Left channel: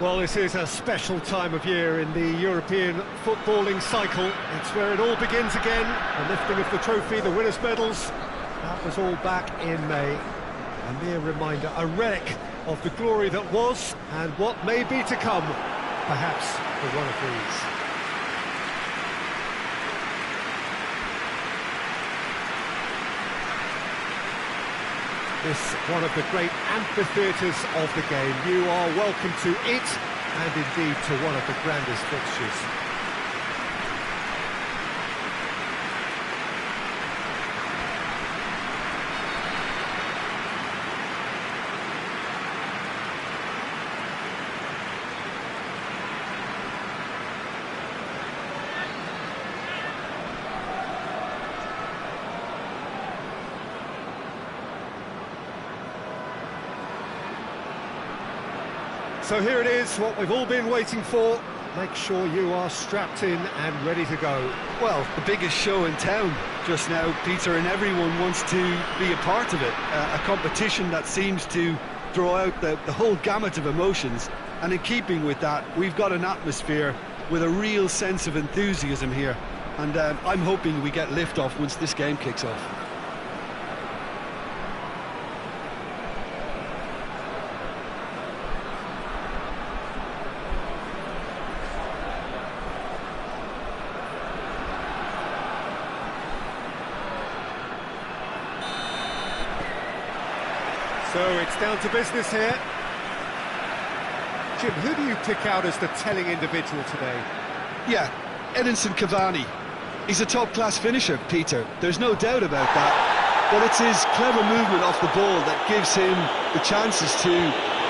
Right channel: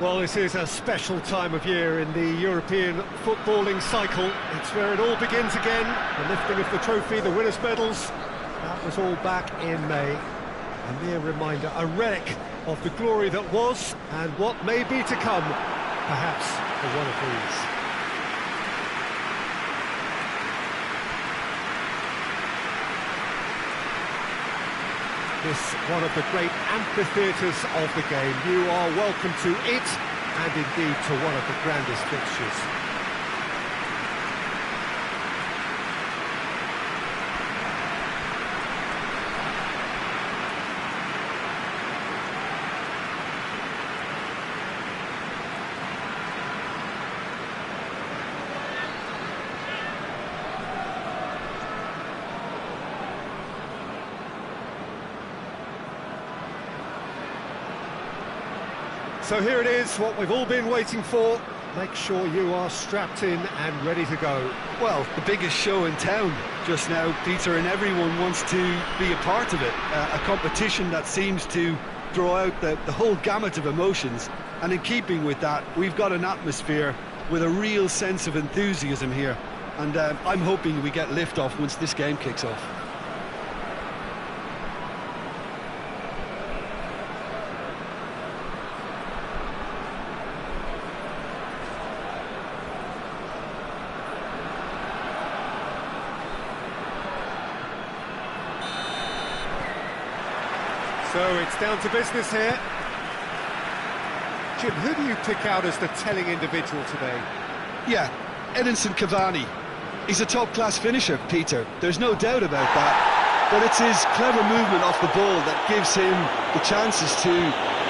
Well, this is a special time of year in the European footballing cycle. It's where it all begins again. The lifting of the trophy, the winners' medals. That was all back in May. A mere reminder, a relic of the glory that was and what may be to come, perhaps for one of these. This one of the great amphitheatres of the game. You are welcome to it, and indeed to one of the grandest fixtures. So here it is, what we've all been waiting for. Make sure you are strapped in and ready to go. Well, the biggest show in town just now, Peter, and everyone wants to be a part of it. A competition that seems to draw out the whole gamut of emotions. And in keeping with that, we've got an atmosphere with a real sense of enthusiasm here. And I'm hoping we get lift-off once this game kicks off. So it's down to business here. Jim, who do you pick out as the telling individual today? Yeah, Edinson Cavani. He's a top-class finisher, Peter. There's no doubt about that. But it's his clever movement off the ball that gives him the chances to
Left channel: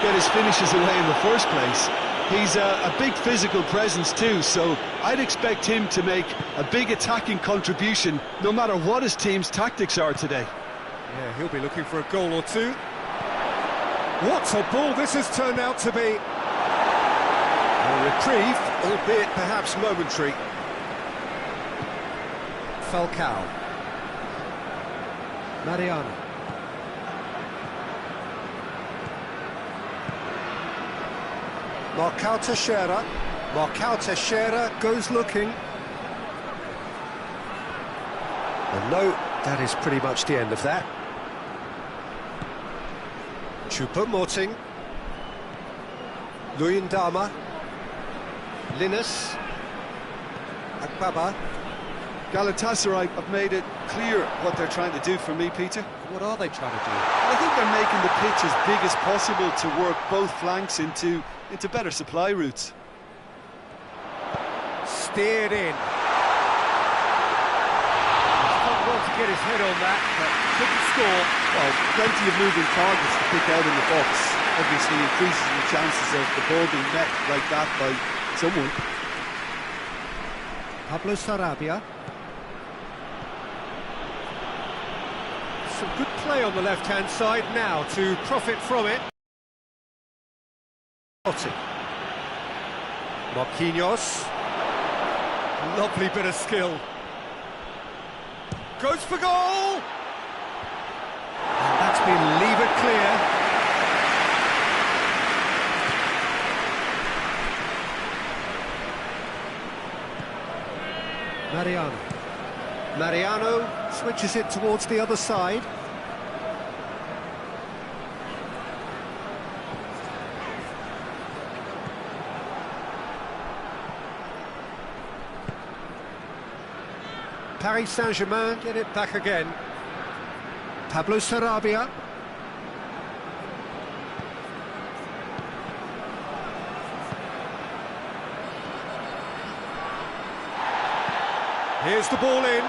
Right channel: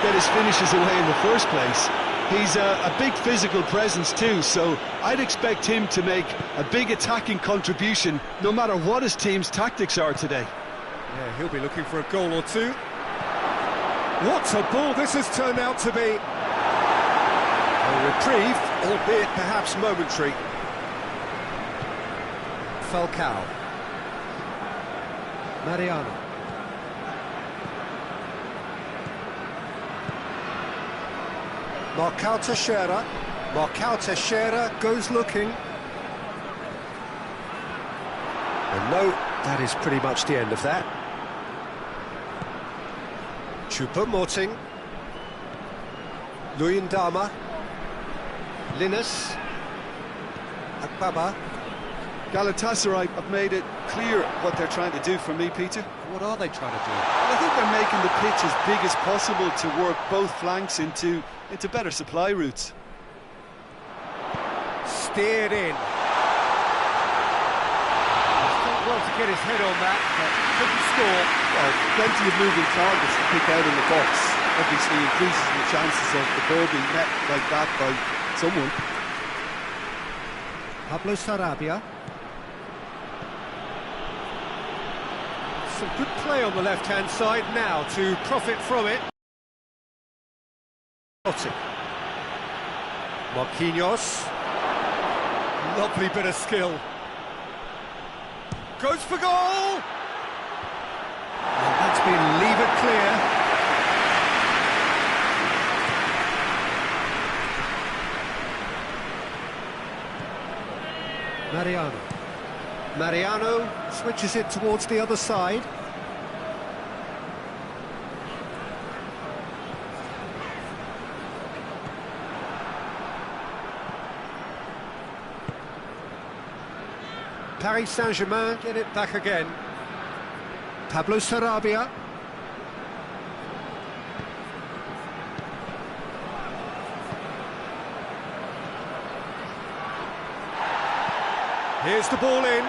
get his finishes away in the first place. He's a big physical presence too, so I'd expect him to make a big attacking contribution no matter what his team's tactics are today. Yeah, he'll be looking for a goal or two. What a ball this has turned out to be. A reprieve, albeit perhaps momentary. Falcao. Mariano. Marcao Teixeira. Marcao Teixeira goes looking. And no, that is pretty much the end of that. Choupo-Moting. Luyendama. Linus. Akbaba. Galatasaray have made it clear what they're trying to do for me, Peter. What are they trying to do? I think they're making the pitch as big as possible to work both flanks into better supply routes. Steered in. He's done well to get his head on that, but couldn't score. Well, plenty of moving targets to pick out in the box. Obviously increases the chances of the ball being met like that by someone. Pablo Sarabia. Some good play on the left-hand side now to profit from it. Marquinhos. Lovely bit of skill. Goes for goal! And that's been levered clear. Mariano switches it towards the other side. Paris Saint-Germain get it back again. Pablo Sarabia. Here's the ball in.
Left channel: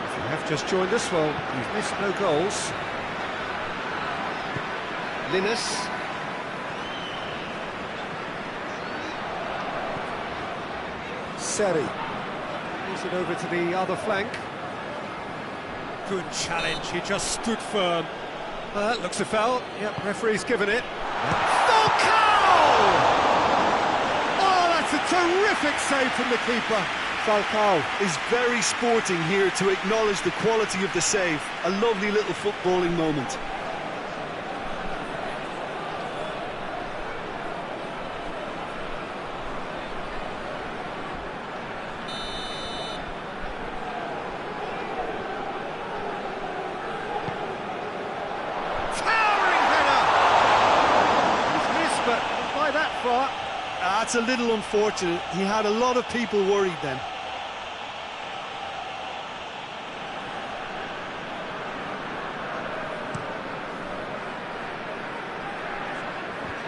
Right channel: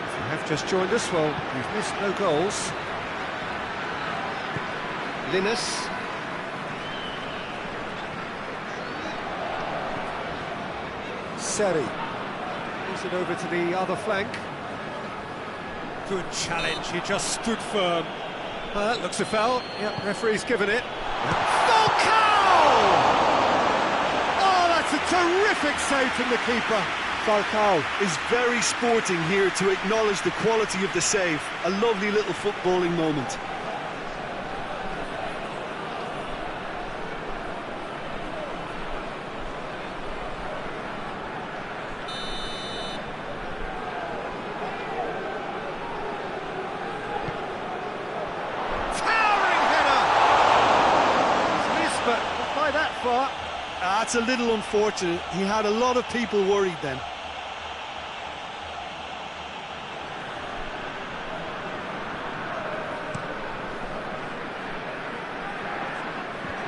If you have just joined us, well, you've missed no goals. Linus. Seri. Moves it over to the other flank. Good challenge, he just stood firm. Looks a foul. Yep, referee's given it. Yep. Falcao! Oh, that's a terrific save from the keeper. Falcao is very sporting here to acknowledge the quality of the save. A lovely little footballing moment. But not by that far. That's a little unfortunate. He had a lot of people worried then.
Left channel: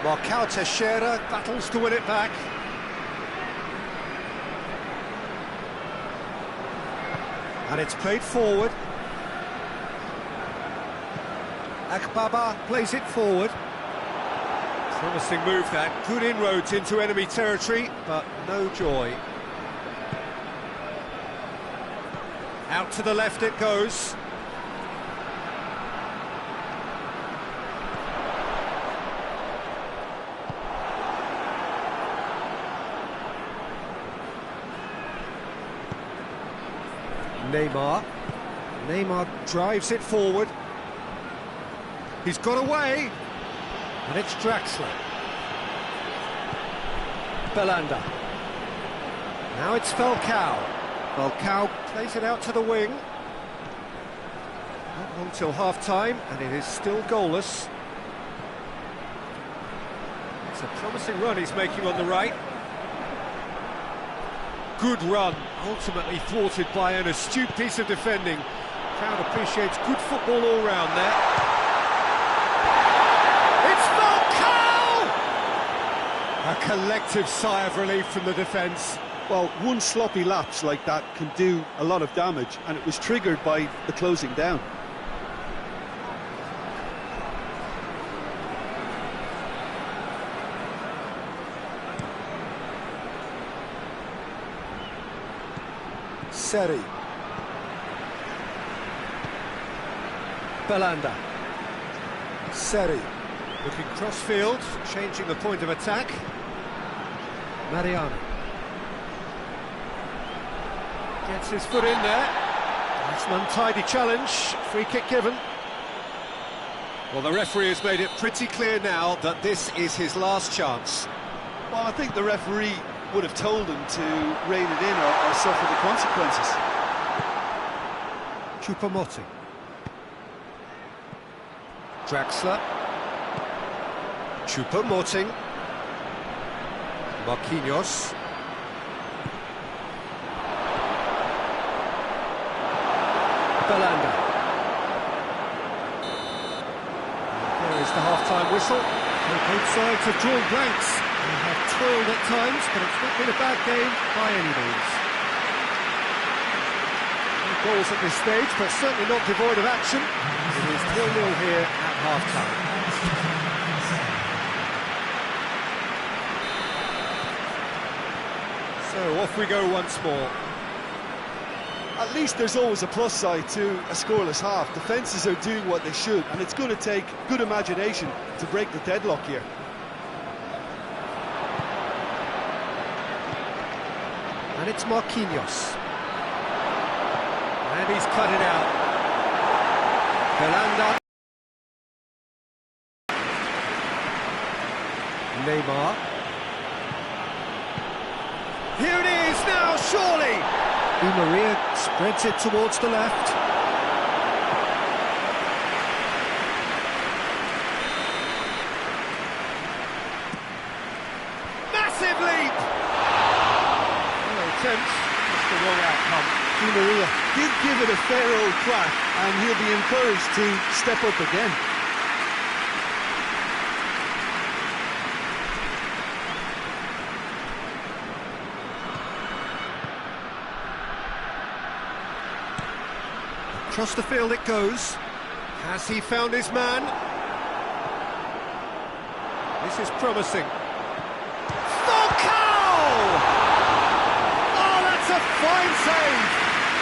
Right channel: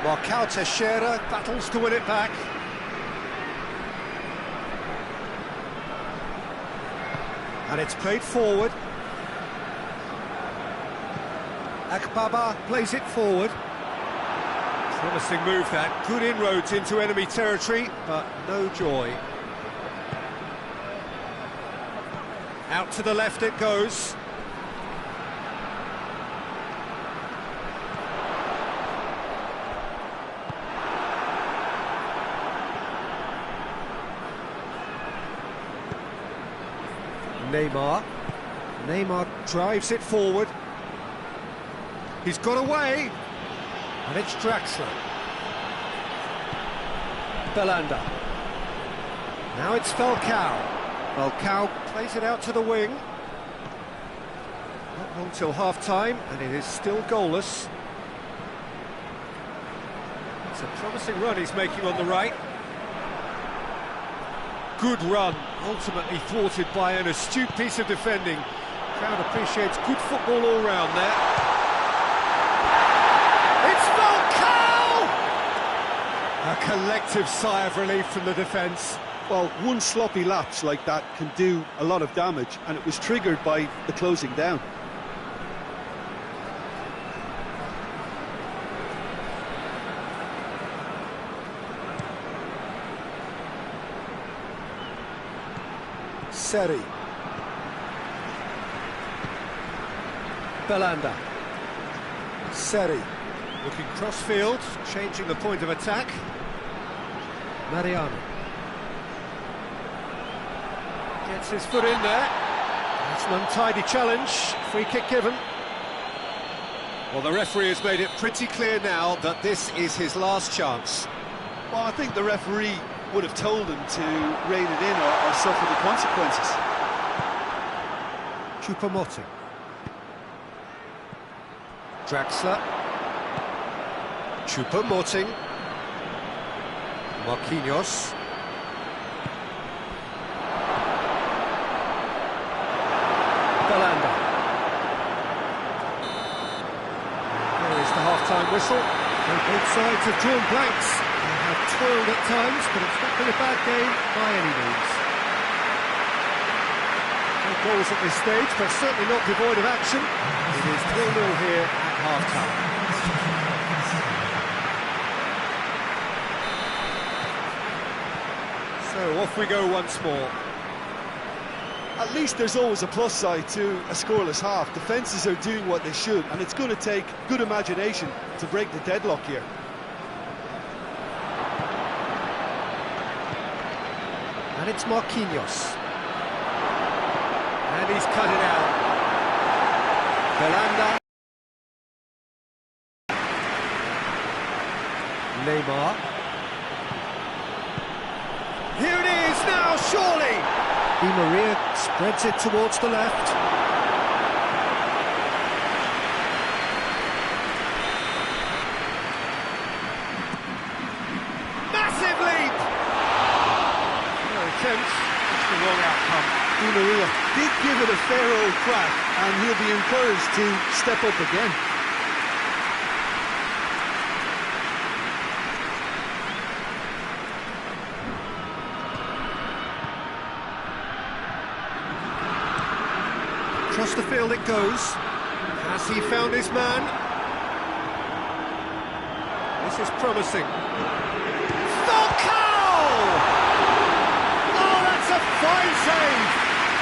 Marcao Teixeira battles to win it back. And it's played forward. Akbaba plays it forward. Promising move that, good inroads into enemy territory, but no joy. Out to the left it goes. Neymar drives it forward. He's got away. And it's Draxler. Belanda. Now it's Falcao. Falcao plays it out to the wing. Not long till half-time, and it is still goalless. It's a promising run he's making on the right. Good run, ultimately thwarted by an astute piece of defending. Crowd appreciates good football all round there. It's Falcao! A collective sigh of relief from the defence. Well, one sloppy lapse like that can do a lot of damage, and it was triggered by the closing down. Seri. Belanda. Seri. Looking cross-field, changing the point of attack. Mariano. Gets his foot in there. That's an untidy challenge. Free kick given. Well, the referee has made it pretty clear now that this is his last chance. Well, I think the referee would have told him to rein it in or suffer the consequences. Choupo-Moting. Draxler. Choupo-Moting. Marquinhos. Belanda. There is the half-time whistle. So both sides have drawn blanks. They have toiled at times, but it's not been a bad game by any means. No goals at this stage, but certainly not devoid of action. It is 0-0 here at half-time. So off we go once more. At least there's always a plus side to a scoreless half. Defences are doing what they should, and it's going to take good imagination to break the deadlock here. And it's Marquinhos. And he's cut it out. Belanda. Neymar. Here it is now, surely! Di Maria spreads it towards the left. Massive leap! No attempt, just the wrong outcome. Di Maria did give it a fair old crack, and he'll be encouraged to step up again. Across the field it goes. Has he found his man? This is promising. Falcao! Oh, that's a fine save!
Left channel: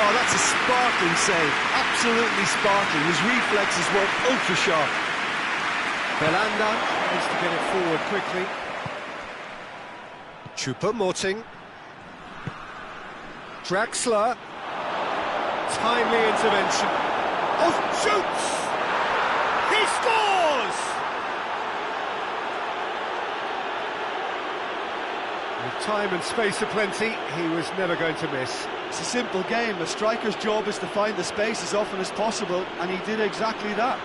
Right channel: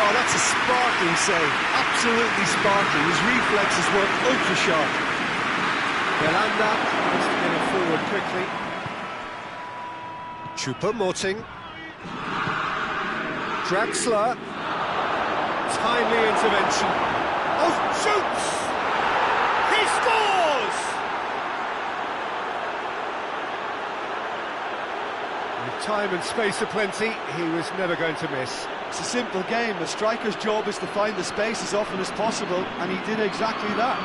Oh, that's a sparkling save. Absolutely sparkling. His reflexes were ultra sharp. Belanda tries to get it forward quickly. Choupo-Moting. Draxler. Timely intervention. Oh, shoots! He scores! With time and space aplenty, he was never going to miss. It's a simple game. A striker's job is to find the space as often as possible, and he did exactly that.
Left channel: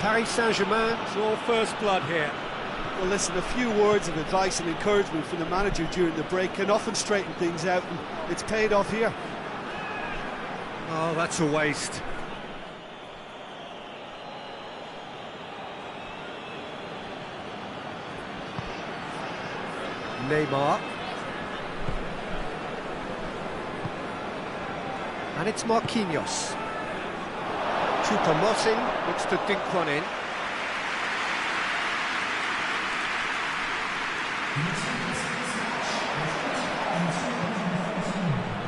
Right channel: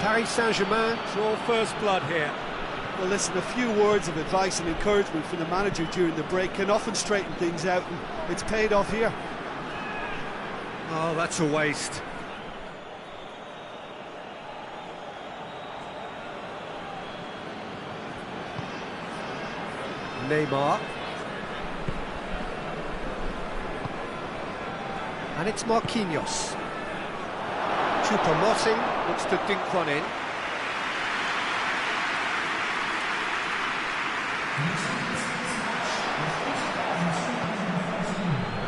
Paris Saint-Germain draw first blood here. Well, listen, a few words of advice and encouragement from the manager during the break can often straighten things out, and it's paid off here. Oh, that's a waste. Neymar. And it's Marquinhos. Choupo-Moting looks to dink one in.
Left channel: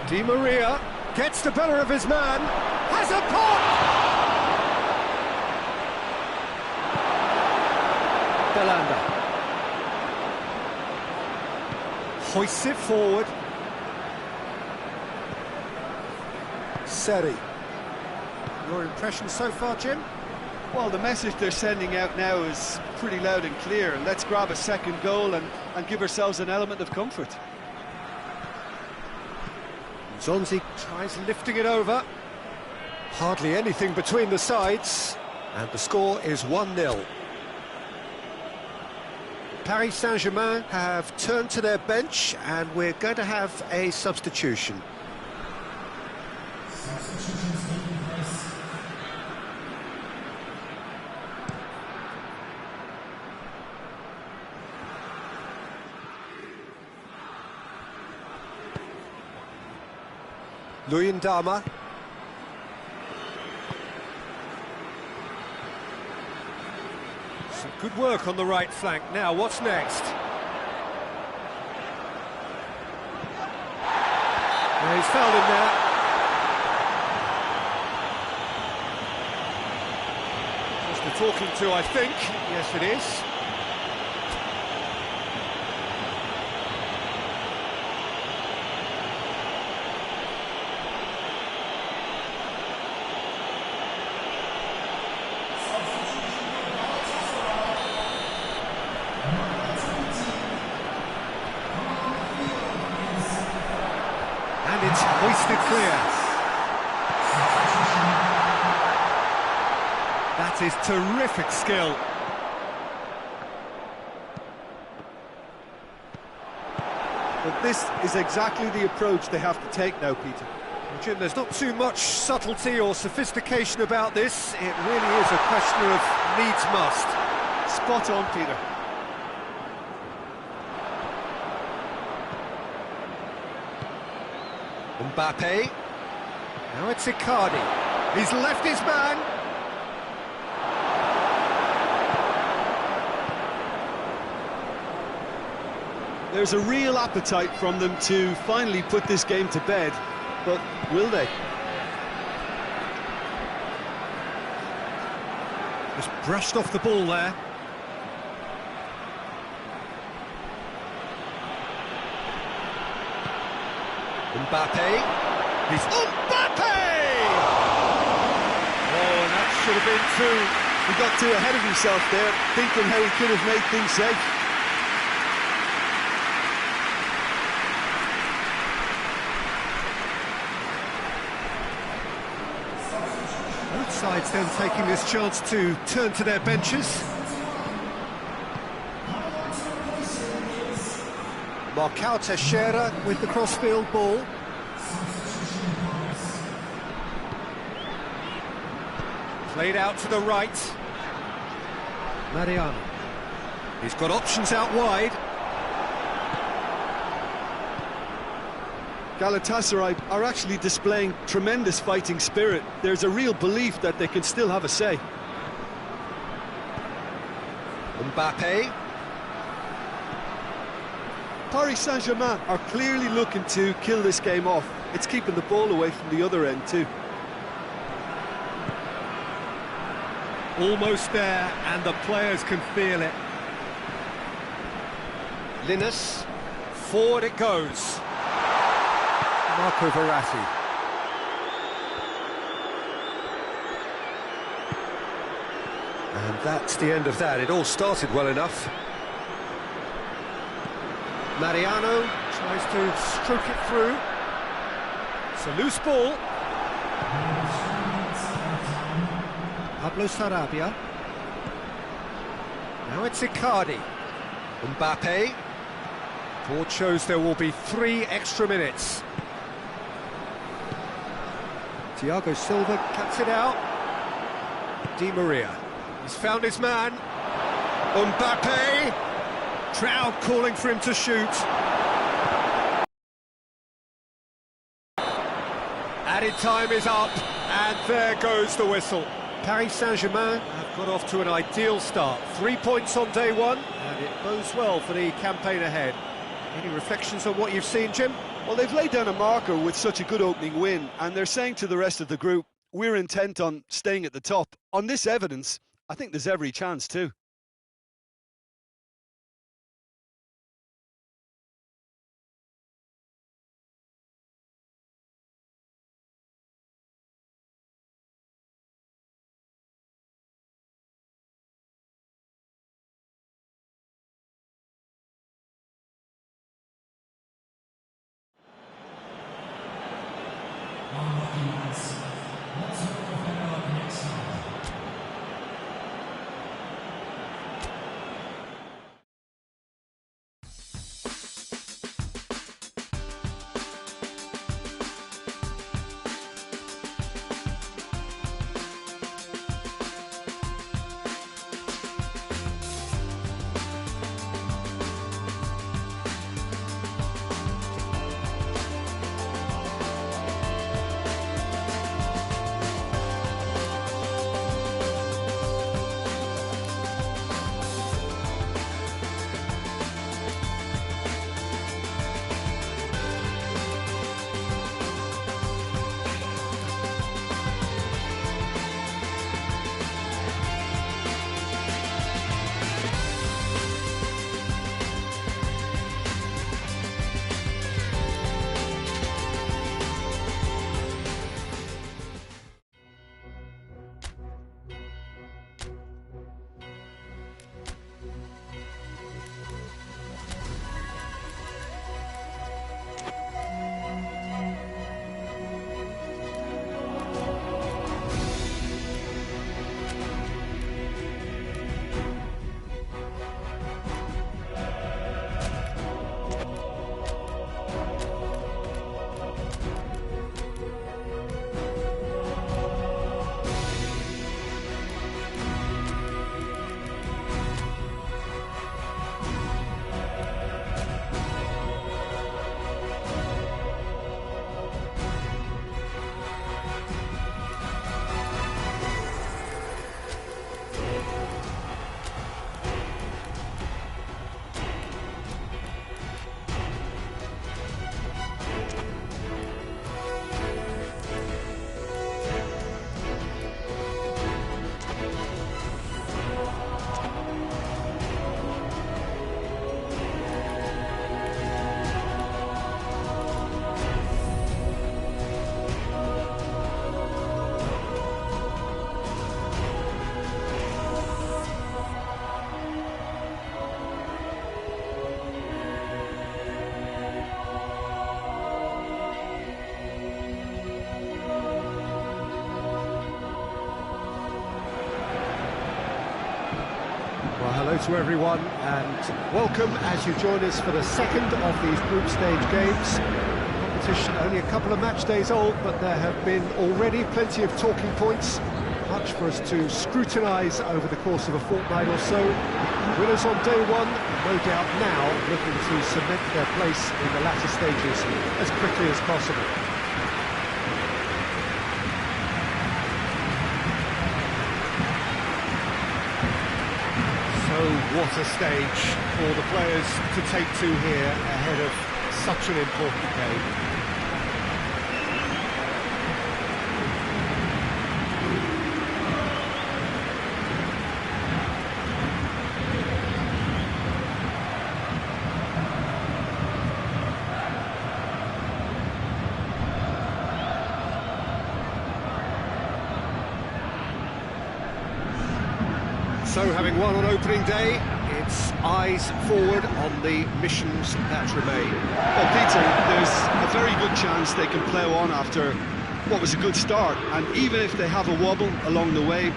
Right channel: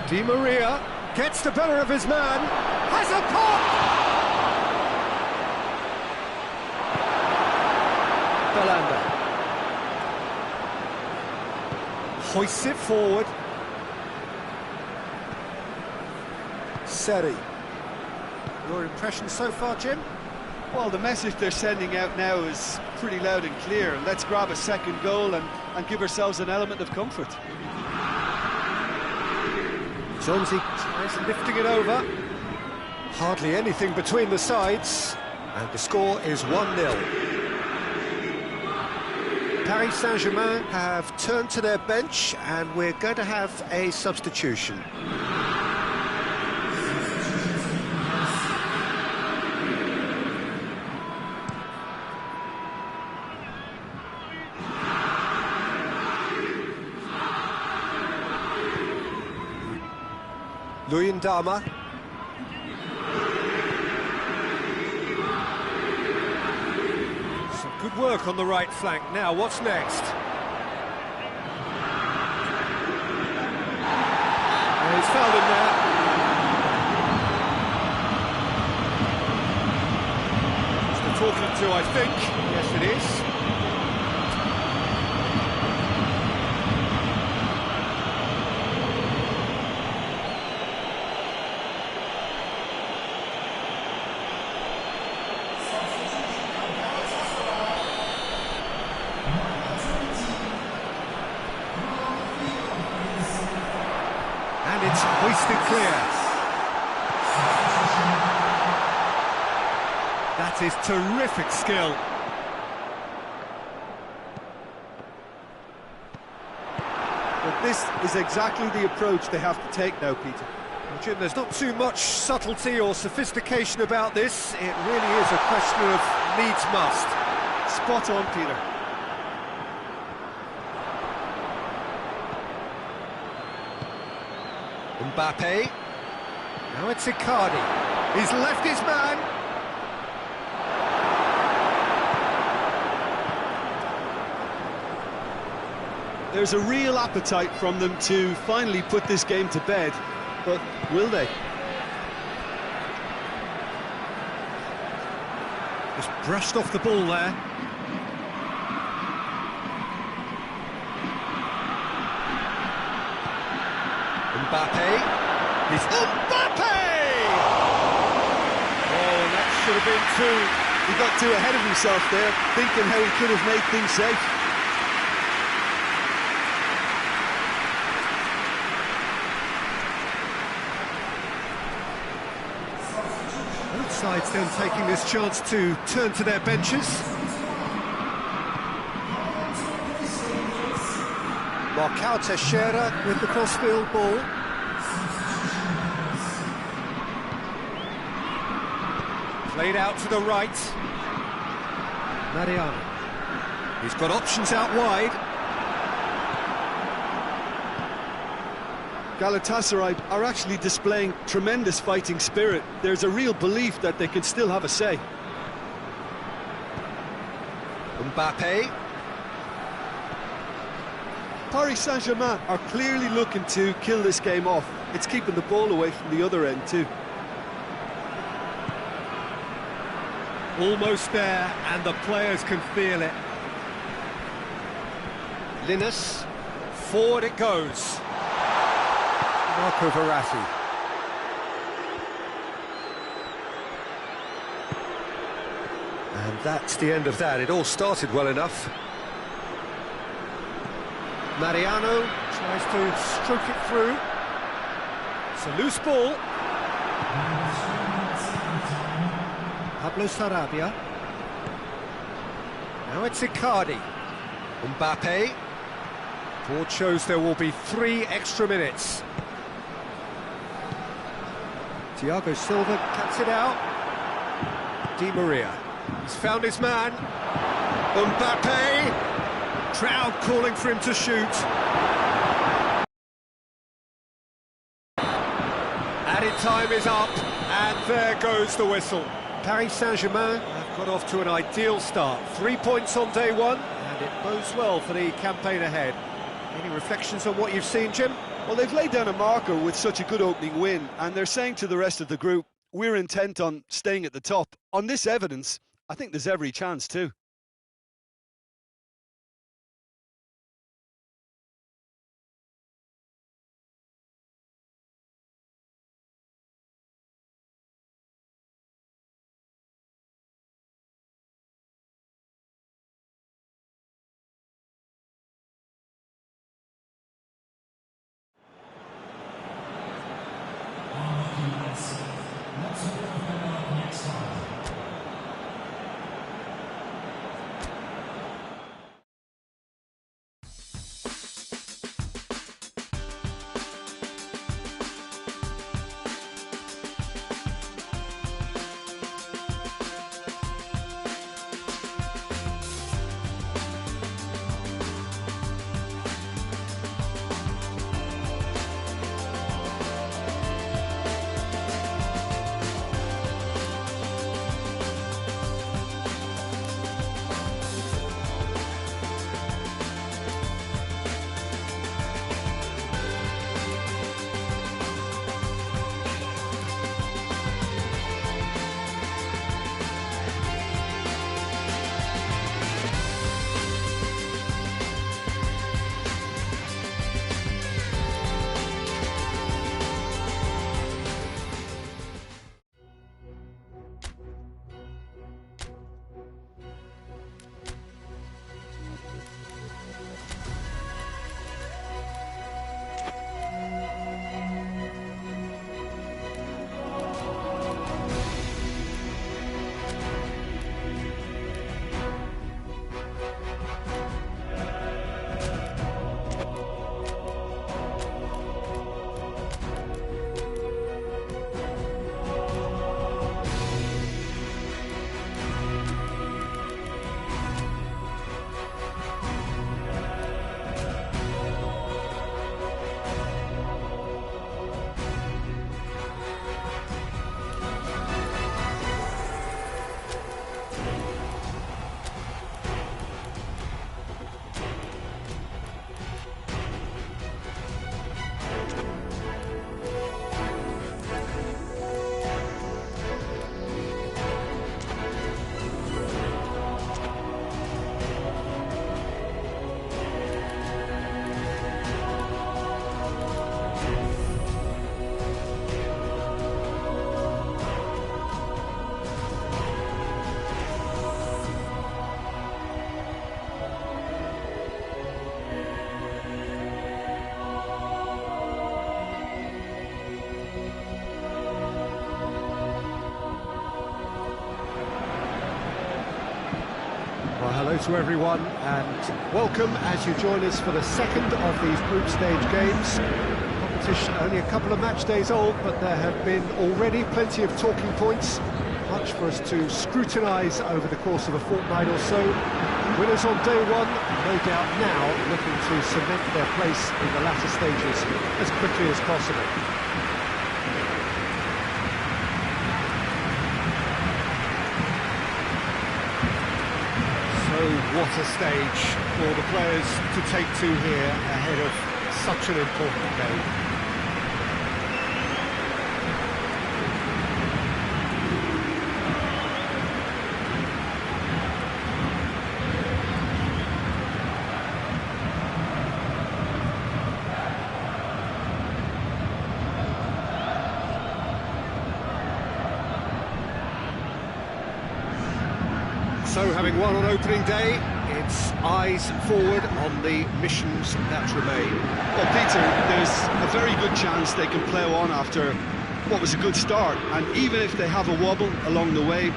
Di Maria gets the better of his man, has a pop! Belanda hoists it forward. Seri. Your impression so far, Jim? Well, the message they're sending out now is pretty loud and clear. Let's grab a second goal and give ourselves an element of comfort. Zonzi tries lifting it over. Hardly anything between the sides. And the score is 1-0. Paris Saint-Germain have turned to their bench, and we're going to have a substitution. Luyendama. Some good work on the right flank. Now, what's next? Yeah, he's fouled him there. Just a talking to, I think. Yes, it is. It's hoisted clear. That is terrific skill. Well, this is exactly the approach they have to take now, Peter. Well, Jim, there's not too much subtlety or sophistication about this. It really is a question of needs must. Spot on, Peter. Mbappe. Now it's Icardi. He's left his man. There's a real appetite from them to finally put this game to bed, but will they? Just brushed off the ball there. Mbappe. He's Mbappe! Oh, and that should have been two. He got too ahead of himself there, thinking how he could have made things safe. Both sides then taking this chance to turn to their benches. Marcao Teixeira with the crossfield ball. Played out to the right. Mariano. He's got options out wide. Galatasaray are actually displaying tremendous fighting spirit. There's a real belief that they can still have a say. Mbappe. Paris Saint-Germain are clearly looking to kill this game off. It's keeping the ball away from the other end too. Almost there, and the players can feel it. Linus. Forward it goes. Marco Verratti. And that's the end of that. It all started well enough. Mariano tries to stroke it through. It's a loose ball. Pablo Sarabia. Now it's Icardi. Mbappe. Board shows there will be 3 extra minutes. Thiago Silva cuts it out. Di Maria. He's found his man. Mbappe. Crowd calling for him to shoot. Added time is up, and there goes the whistle. Paris Saint-Germain have got off to an ideal start. 3 points on day one, and it bodes well for the campaign ahead. Any reflections on what you've seen, Jim? Well, they've laid down a marker with such a good opening win, and they're saying to the rest of the group, we're intent on staying at the top. On this evidence, I think there's every chance too. hello to everyone and welcome as you join us for the second of these group stage games. Competition only a couple of match days old, but there have been already plenty of talking points, much for us to scrutinise over the course of a fortnight or so. Winners on day one, no doubt now looking to cement their place in the latter stages as quickly as possible. So what a stage for the players to take to here ahead of such an important game. So, having won on opening day, it's eyes forward on the missions that remain. Well, Peter, there's a very good chance they can plough on after what was a good start, and even if they have a wobble along the way,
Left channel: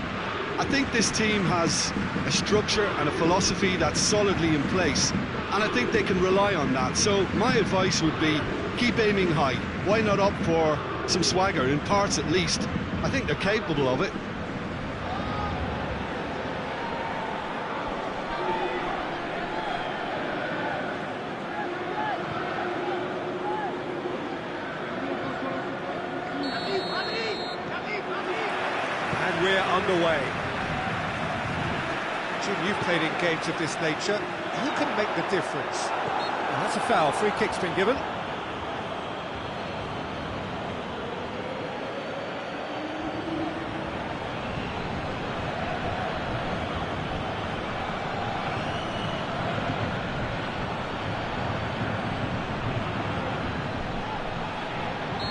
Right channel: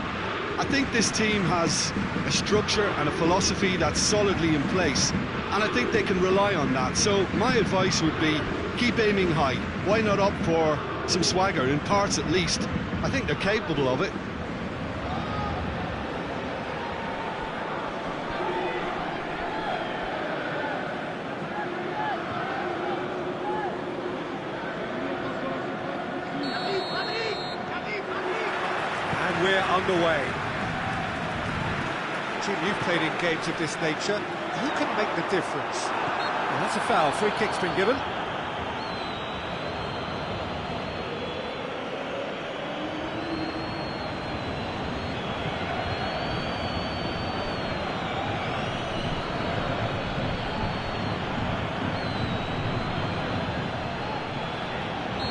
I think this team has a structure and a philosophy that's solidly in place, and I think they can rely on that. So my advice would be, keep aiming high. Why not opt for some swagger, in parts at least? I think they're capable of it. And we're underway. Jim, you've played in games of this nature. Who can make the difference? Well, that's a foul. Free kick's been given.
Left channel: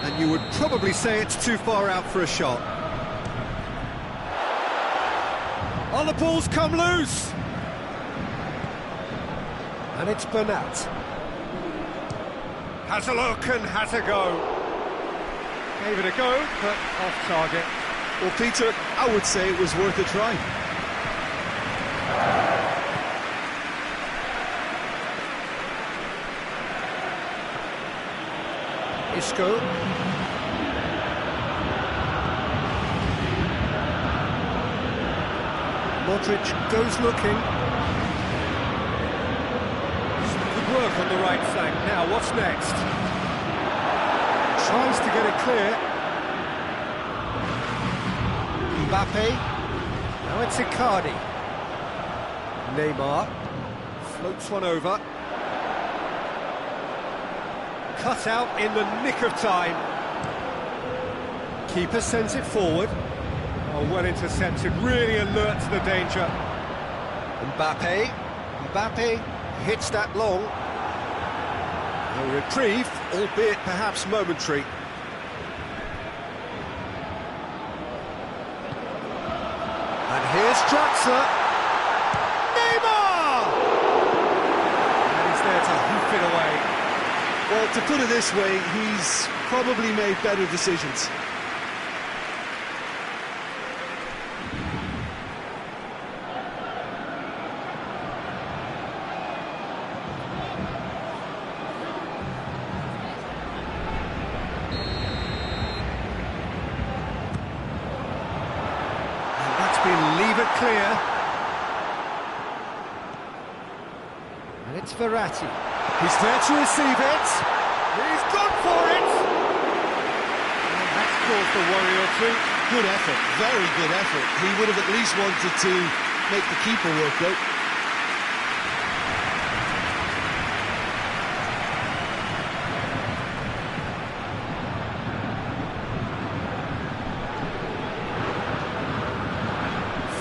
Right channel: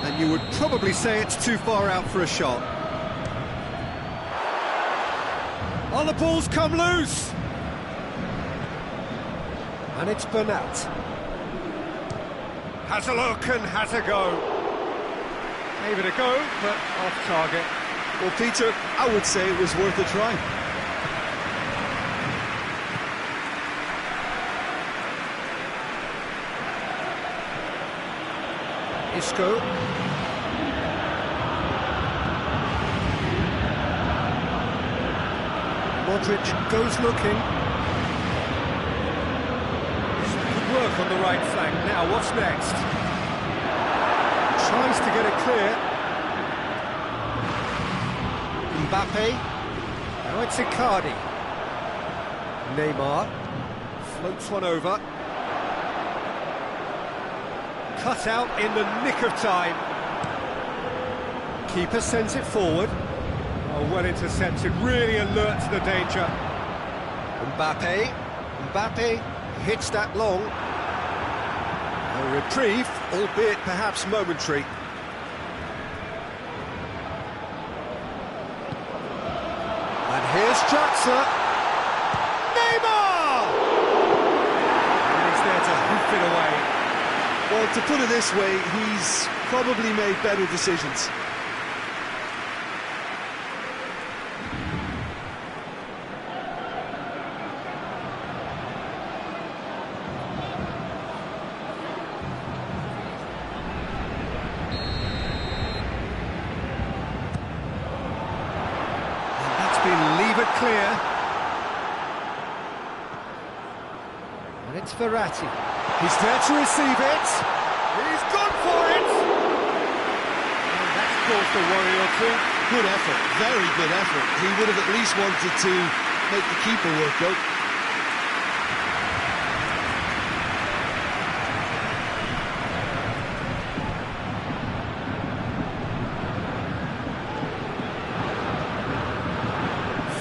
And you would probably say it's too far out for a shot. Oh, the ball's come loose! And it's Bernat. Has a look and has a go. Gave it a go, but off target. Well, Peter, I would say it was worth a try. Isco. Modric goes looking. Good work on the right flank. Now, what's next? Tries to get it clear. Mbappe. Now it's Icardi. Neymar. Floats one over. Cut out in the nick of time. Keeper sends it forward. Oh, well intercepted, really alert to the danger. Mbappe hits that long. A reprieve, albeit perhaps momentary. And here's Draxler. Neymar! And he's there to hoof it away. Well, to put it this way, he's probably made better decisions. Been levered clear, and it's Verratti. He's there to receive it. He's gone for it, and that's caused a worry or two. Good effort, very good effort. He would have at least wanted to make the keeper work, though.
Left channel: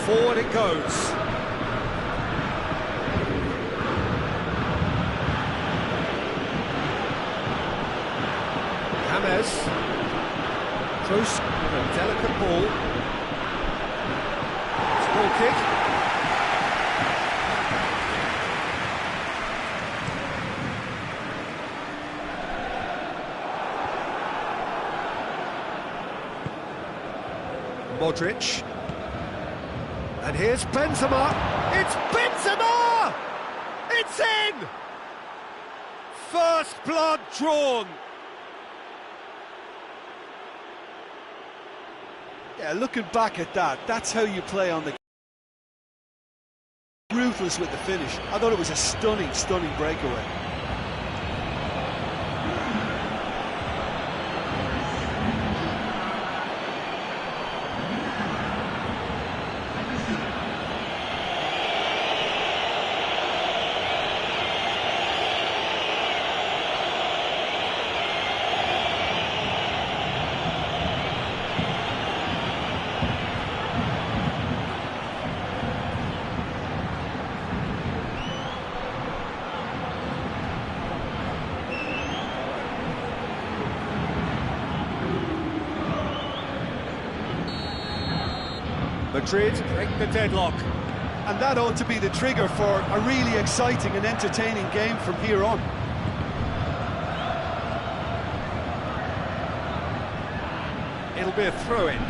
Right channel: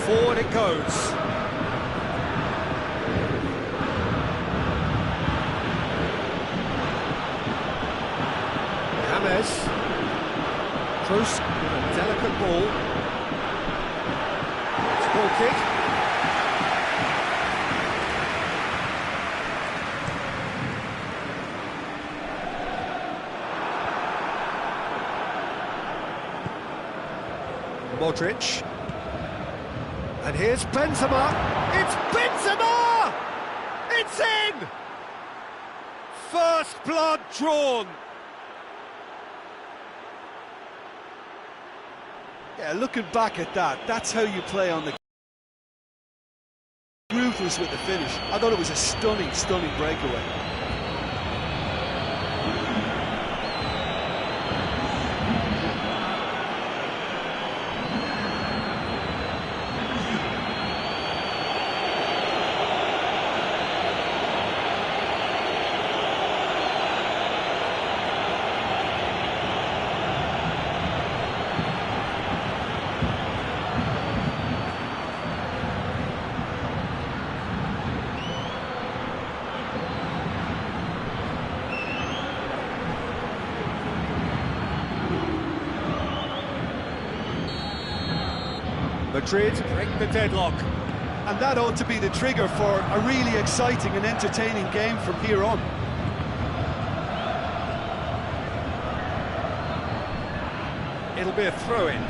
Forward it goes. James. Close with a delicate ball. It's a goal kick. Modric. And here's Benzema. It's Benzema! It's in! First blood drawn. Yeah, looking back at that, that's how you play on the... Ruthless with the finish. I thought it was a stunning, stunning breakaway. Madrid break the deadlock. And that ought to be the trigger for a really exciting and entertaining game from here on. It'll be a throw-in.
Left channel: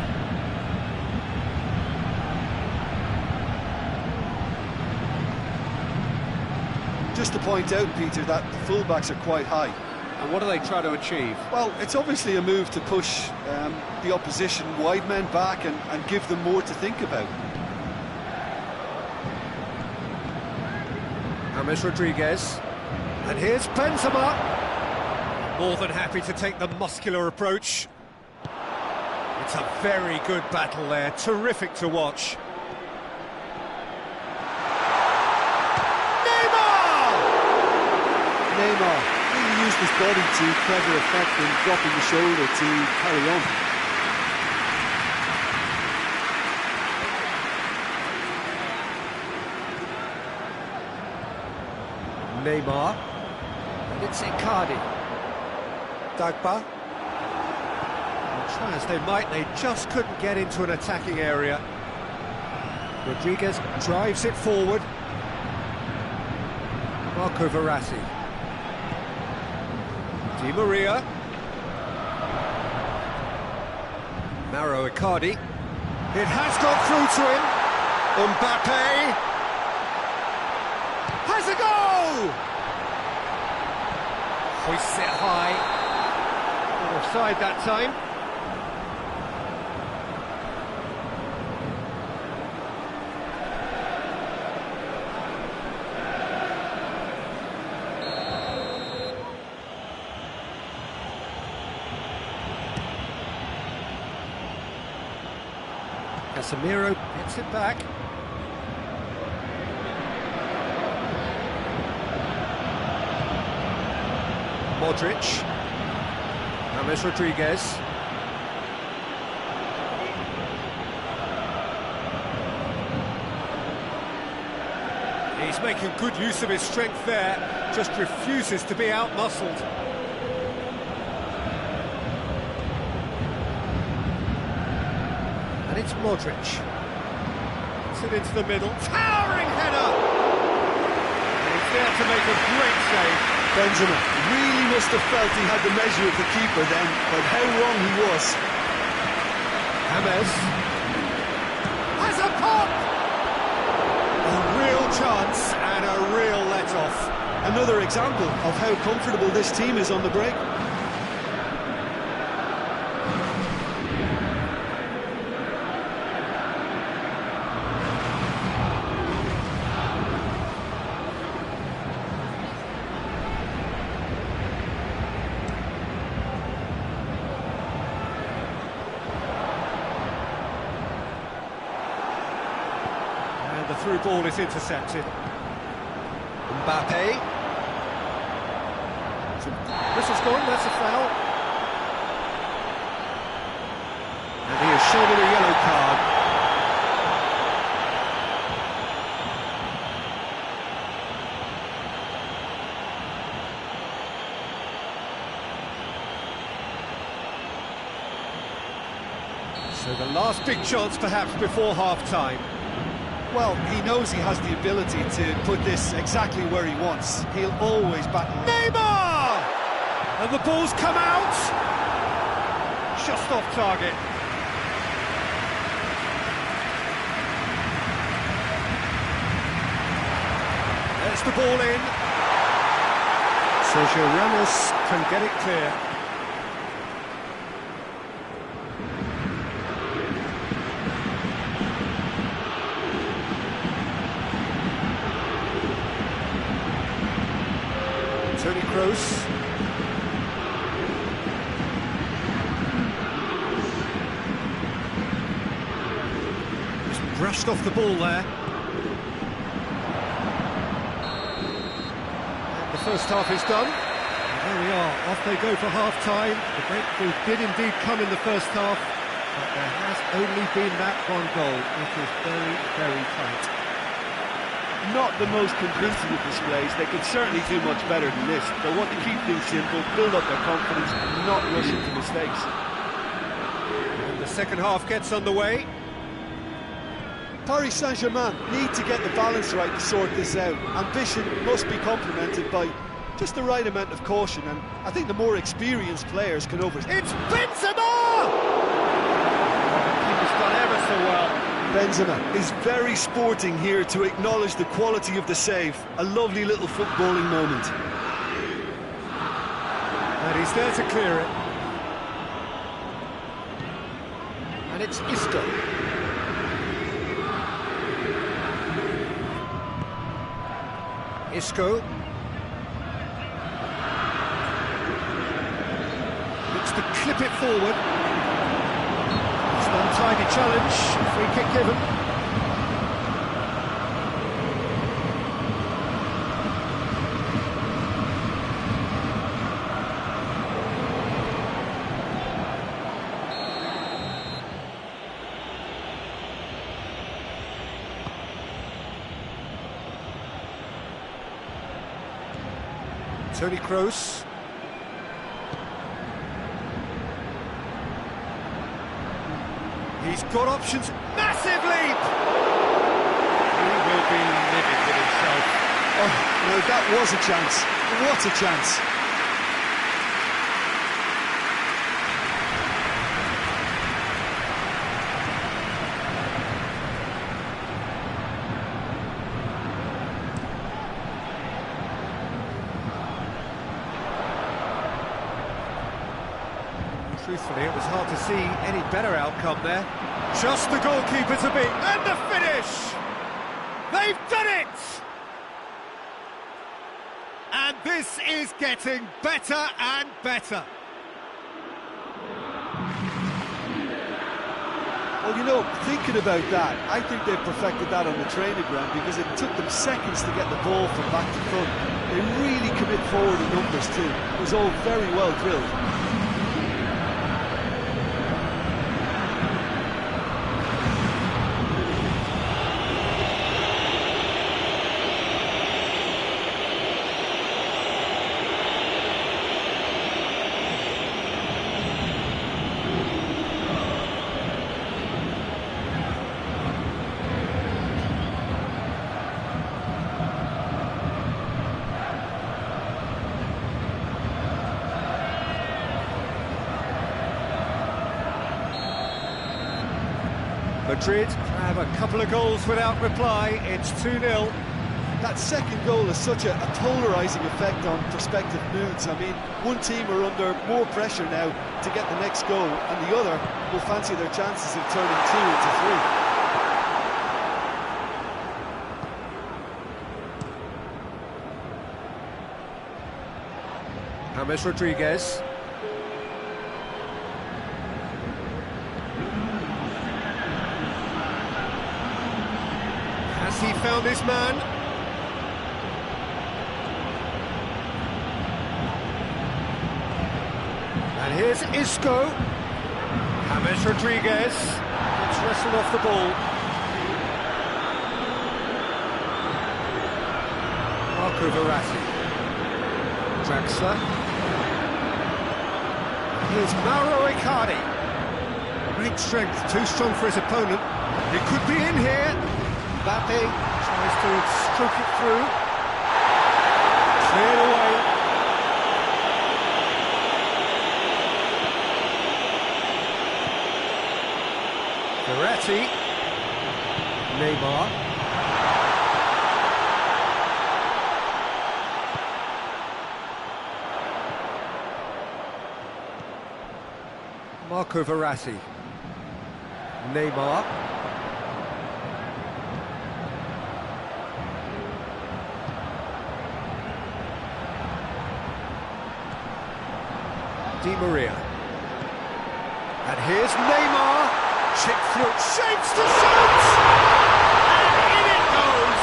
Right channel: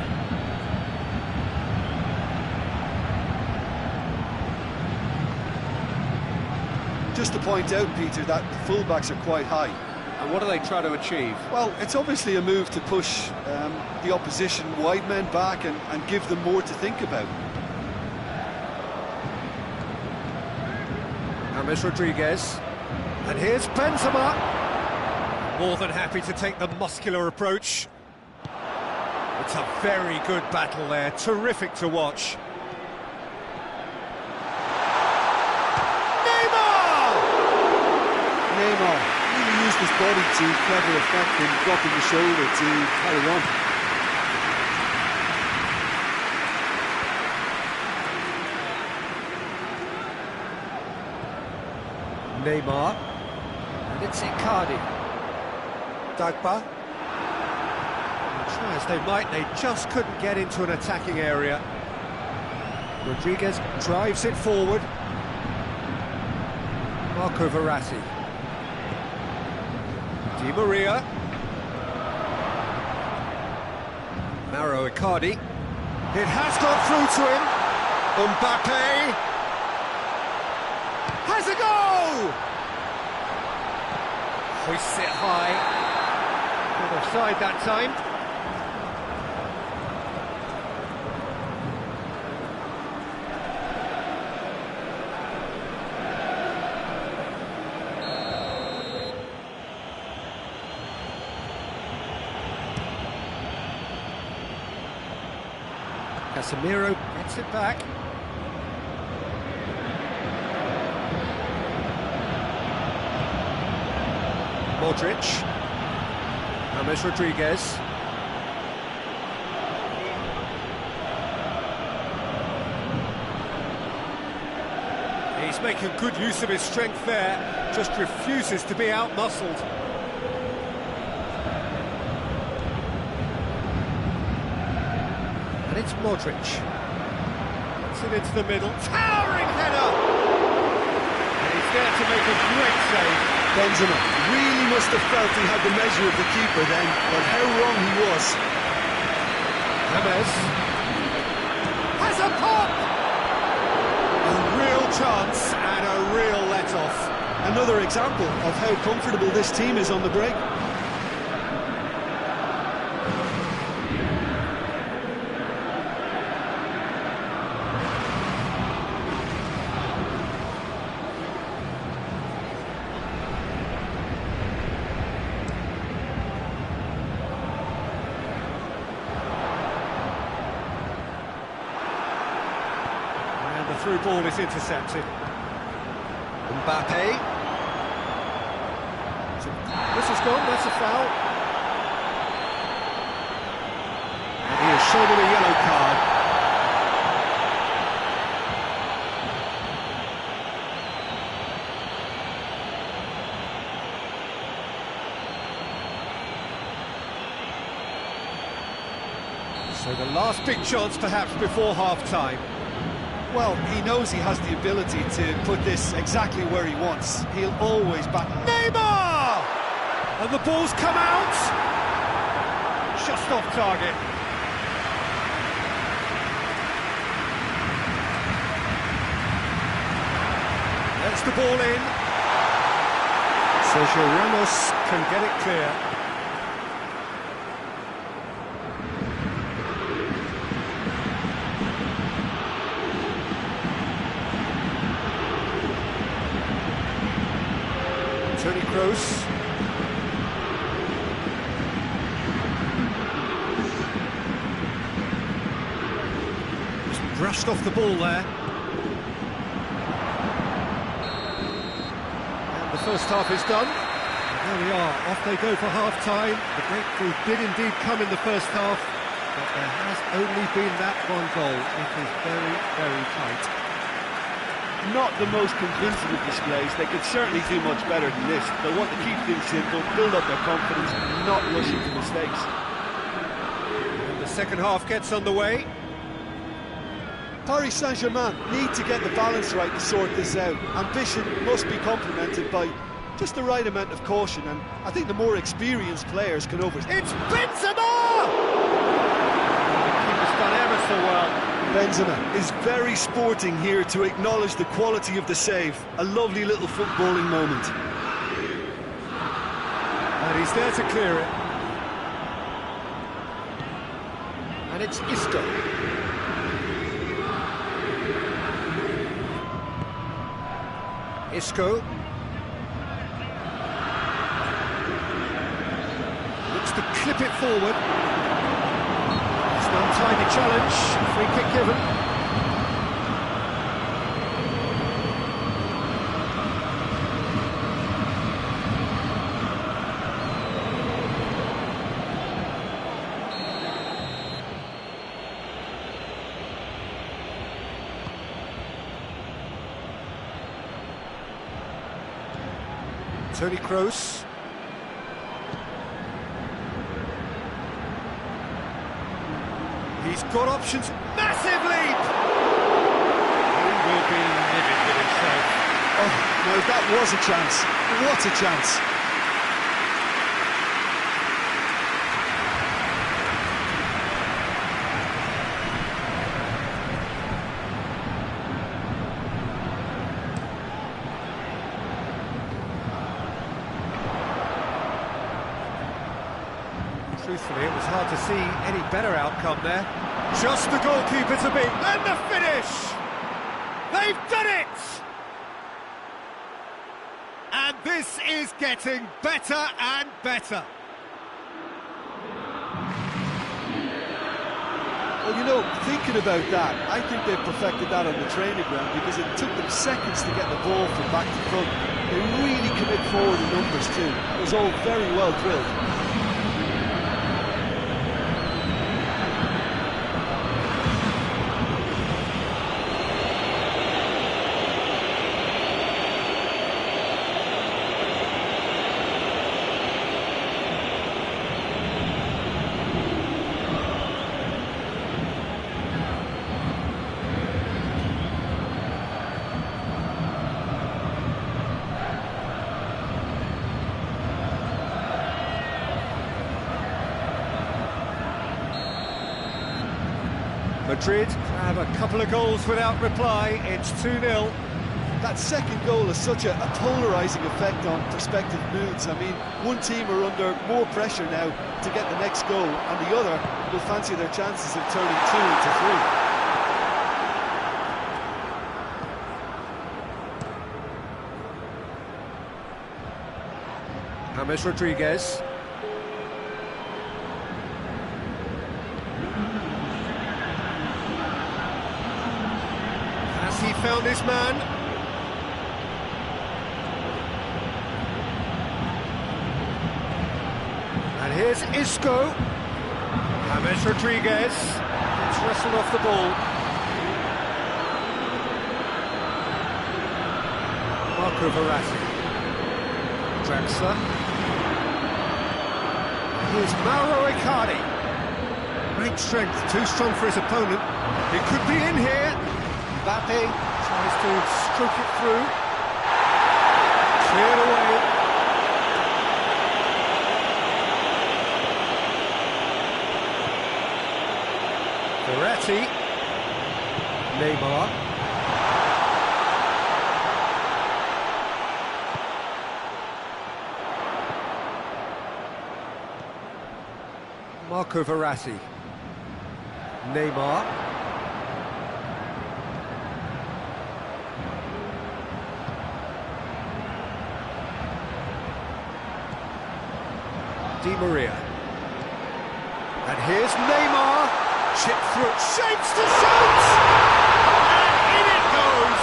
Just to point out, Peter, that the fullbacks are quite high. And what do they try to achieve? Well, it's obviously a move to push the opposition wide men back and give them more to think about. James Rodriguez. And here's Benzema. More than happy to take the muscular approach. It's a very good battle there, terrific to watch. Neymar really used his body to clever effect in dropping the shoulder to carry on. Neymar. And it's Icardi. Dagba. Try as they might, they just couldn't get into an attacking area. Rodriguez drives it forward. Marco Verratti. Di Maria. Mauro Icardi. It has got through to him. Mbappe. Has a go! Hoists it high. Not offside that time. Casemiro gets it back. Modric. James Rodriguez. He's making good use of his strength there, just refuses to be out-muscled. And it's Modric. It's it into the middle. Towering header! And he's there to make a great save. Benzema really must have felt he had the measure of the keeper then, but how wrong he was. James has a pop! A real chance and a real let-off. Another example of how comfortable this team is on the break. And the through ball is intercepted. Mbappe. Whistle's gone, that's a foul. And he has shown him a yellow card. So the last big chance perhaps before half-time. Well, he knows he has the ability to put this exactly where he wants. He'll always bat. Neymar! And the ball's come out! Just off target. There's the ball in. Sergio Ramos can get it clear. Toni Kroos. Just brushed off the ball there. And the first half is done. And there we are, off they go for half-time. The breakthrough did indeed come in the first half, but there has only been that one goal. It is very, very tight. Not the most convincing of displays. They could certainly do much better than this. They'll want to keep things simple, build up their confidence, and not rush into mistakes. And the second half gets underway. Paris Saint-Germain need to get the balance right to sort this out. Ambition must be complemented by just the right amount of caution, and I think the more experienced players can It's Benzema! The keeper's done ever so well. Benzema is very sporting here to acknowledge the quality of the save. A lovely little footballing moment. And he's there to clear it. And it's Isco. Isco. Looks to clip it forward. It's an untidy challenge. Free kick given. Toni Kroos. He's got options. Massive leap! He will be livid with himself. Oh, no, that was a chance. What a chance. Truthfully, it was hard to see any better outcome there. Just the goalkeeper to beat, and the finish! They've done it! And this is getting better and better. Well, you know, thinking about that, I think they've perfected that on the training ground because it took them seconds to get the ball from back to front. They really commit forward in numbers too. It was all very well drilled. Madrid have a couple of goals without reply. It's 2-0. That second goal has such a polarising effect on prospective moods. I mean, one team are under more pressure now to get the next goal, and the other will fancy their chances of turning 2 into 3. James Rodriguez. Has he found his man? And here's Isco. James Rodriguez gets wrestled off the ball. Marco Verratti. Draxler. Here's Mauro Icardi. Great strength, too strong for his opponent. He could be in here. Mbappe tries to stroke it through. Cleared away. Verratti. Neymar. Marco Verratti. Neymar. Di Maria. And here's Neymar. Chip through, shapes to shoot! And in it goes!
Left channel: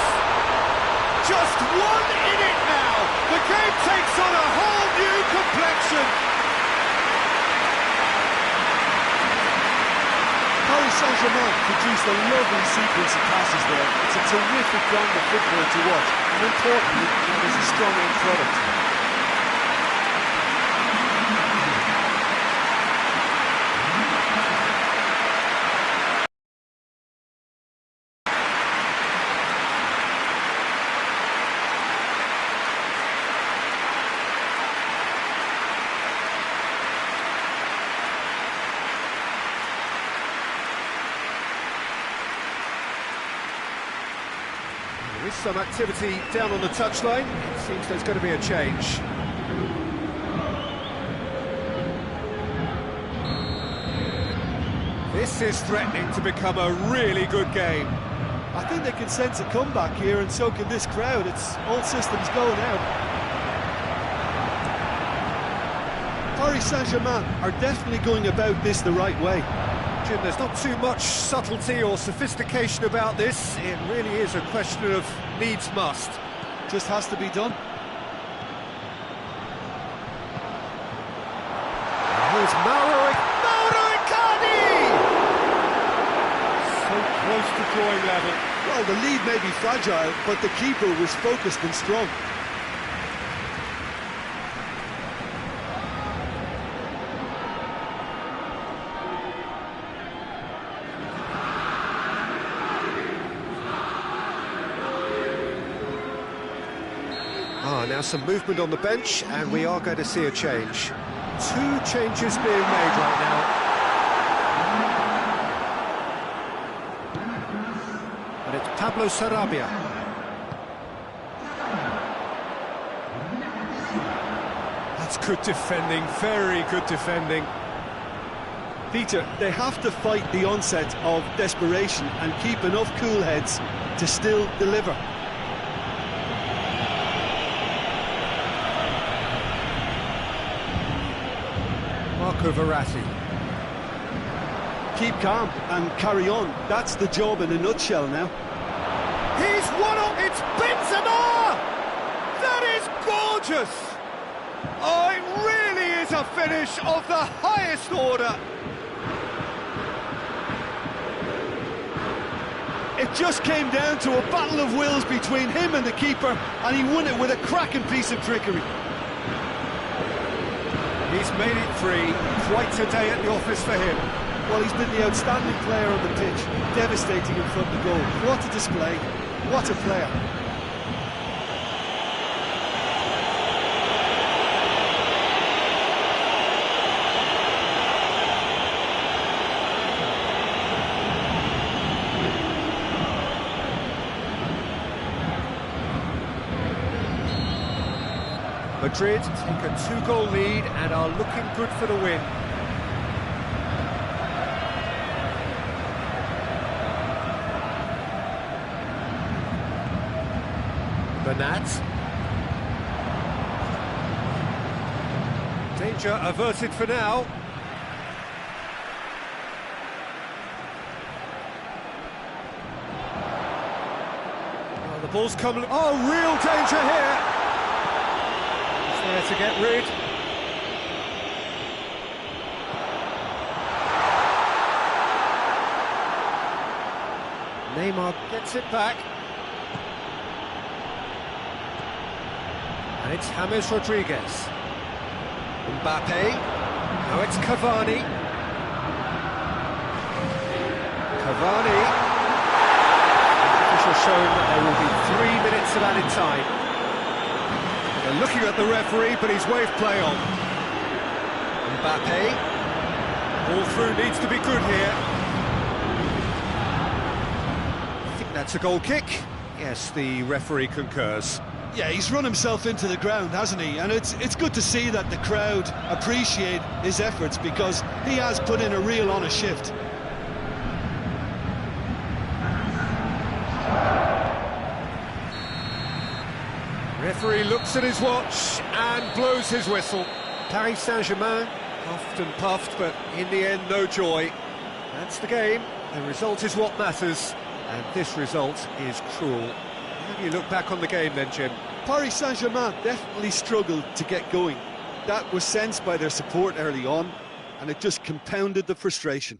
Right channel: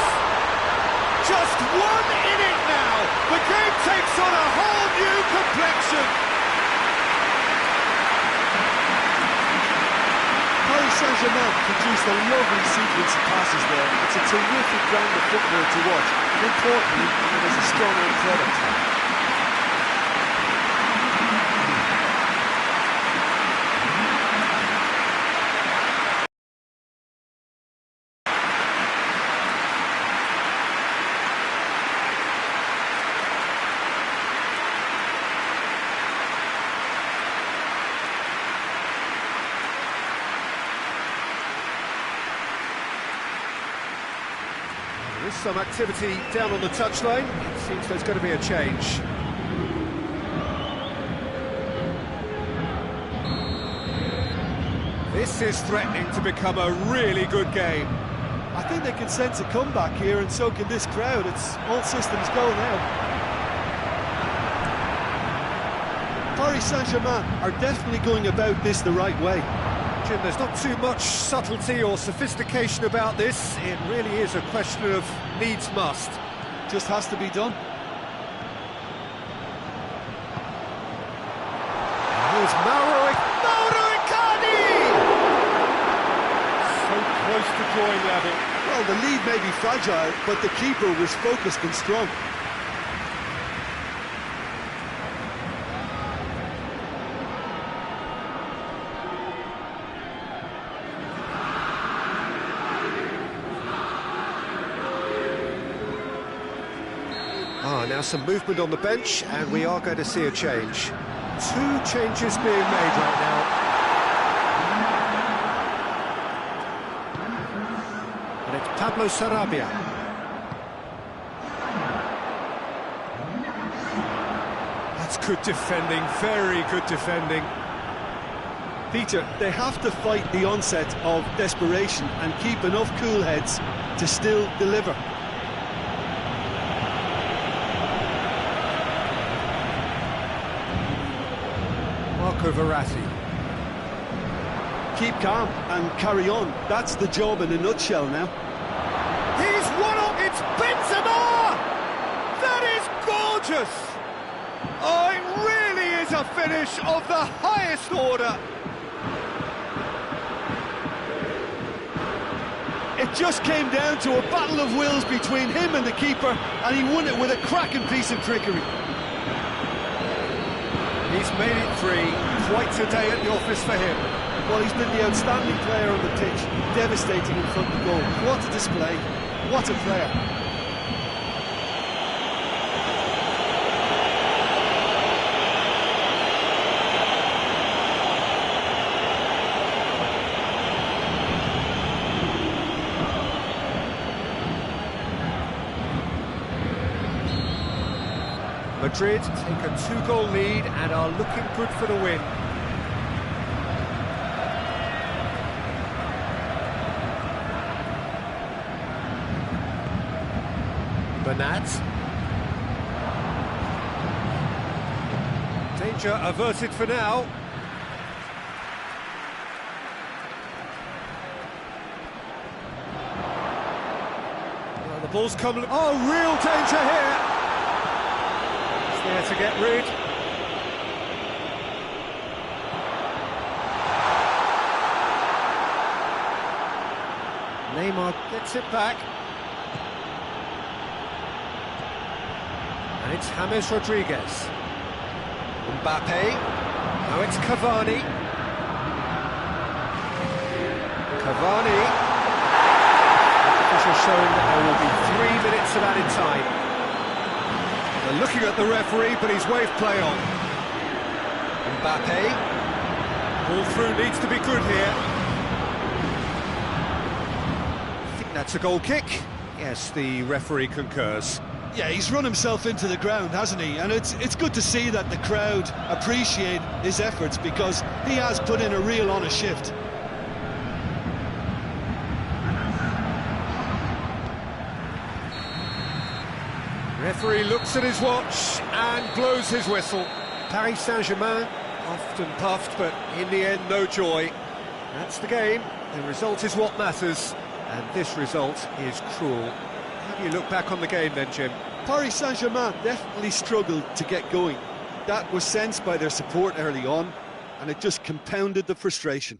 Just one in it now! The game takes on a whole new complexion! Paris Saint-Germain produced a lovely sequence of passes there. It's a terrific brand of football to watch, and importantly, it is a strong end product. There is some activity down on the touchline. It seems there's going to be a change. This is threatening to become a really good game. I think they can sense a comeback here, and so can this crowd. It's all systems go now. Paris Saint-Germain are definitely going about this the right way. Jim, there's not too much subtlety or sophistication about this. It really is a question of needs must. Just has to be done. And here's Mauro Icardi! So close to drawing level. Well, the lead may be fragile, but the keeper was focused and strong. Now some movement on the bench, and we are going to see a change. Two changes being made right now. And it's Pablo Sarabia. That's good defending, very good defending. Peter, they have to fight the onset of desperation and keep enough cool heads to still deliver. Marco Verratti. Keep calm and carry on. That's the job in a nutshell now. He's one up. It's Benzema! That is gorgeous! Oh, it really is a finish of the highest order. It just came down to a battle of wills between him and the keeper, and he won it with a cracking piece of trickery. He's made it three. Quite a day at the office for him. Well, he's been the outstanding player on the pitch, devastating in front of goal. What a display, what a player. Madrid take a two-goal lead and are looking good for the win. Bernat. Danger averted for now. Well, the ball's come... Oh, real danger here! There to get rid. Neymar gets it back. And it's James Rodriguez. Mbappe. Now it's Cavani. Cavani. The official showing that there will be 3 minutes of added time. They're looking at the referee, but he's waved play on. Mbappe. Ball through needs to be good here. I think that's a goal kick. Yes, the referee concurs. Yeah, he's run himself into the ground, hasn't he? And it's good to see that the crowd appreciate his efforts, because he has put in a real honest shift. Referee looks at his watch and blows his whistle. Paris Saint-Germain puffed and puffed, but in the end, no joy. That's the game. The result is what matters, and this result is cruel. How do you look back on the game then, Jim? Paris Saint-Germain definitely struggled to get going. That was sensed by their support early on, and it just compounded the frustration.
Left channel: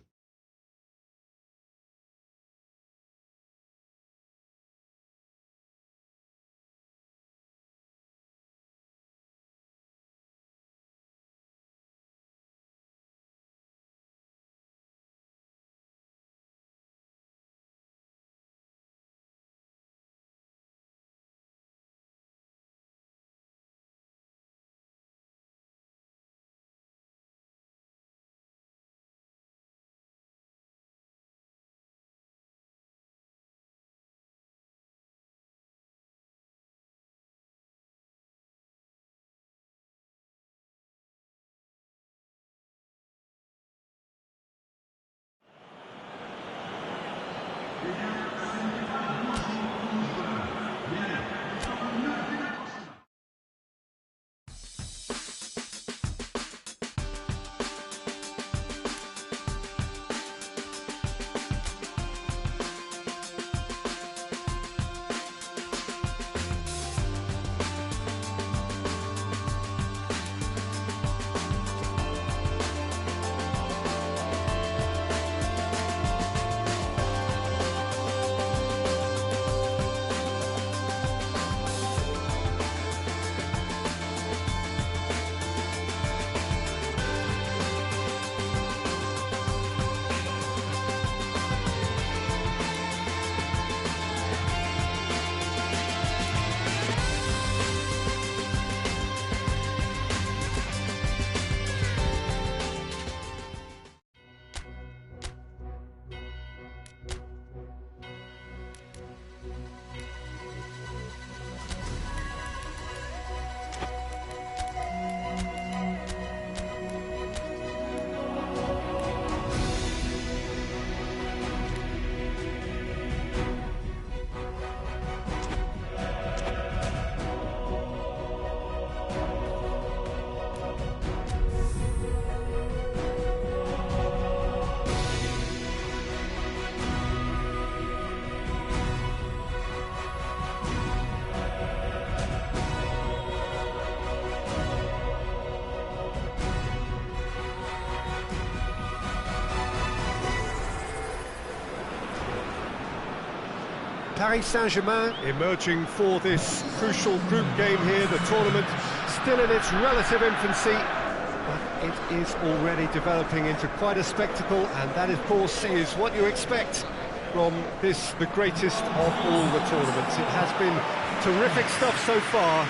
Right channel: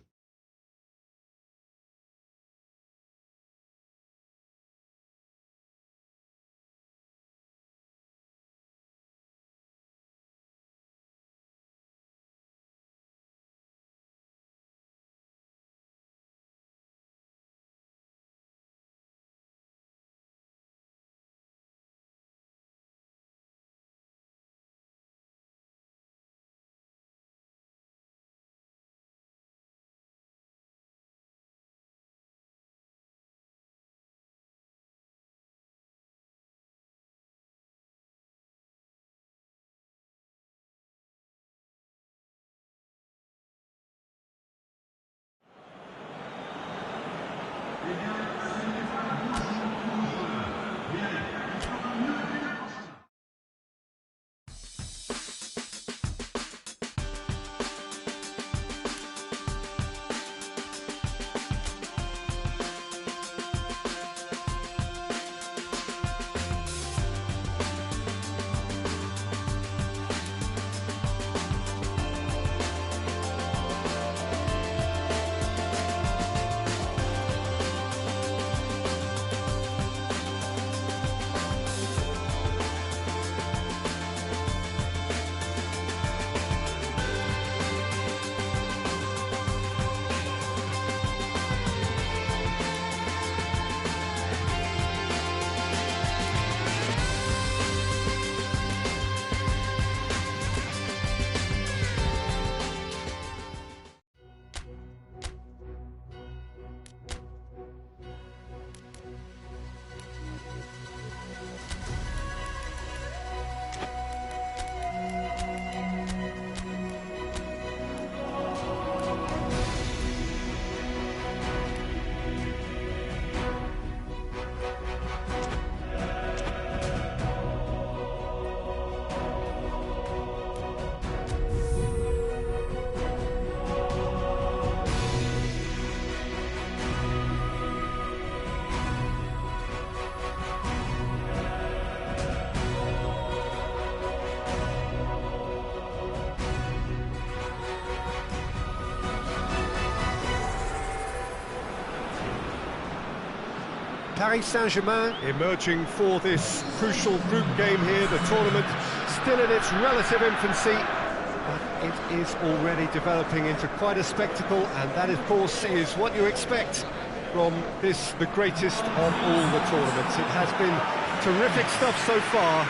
Paris Saint-Germain emerging for this crucial group game here. The tournament still in its relative infancy, but it is already developing into quite a spectacle, and that, of course, is what you expect from this, the greatest of all the tournaments. It has been terrific stuff so far,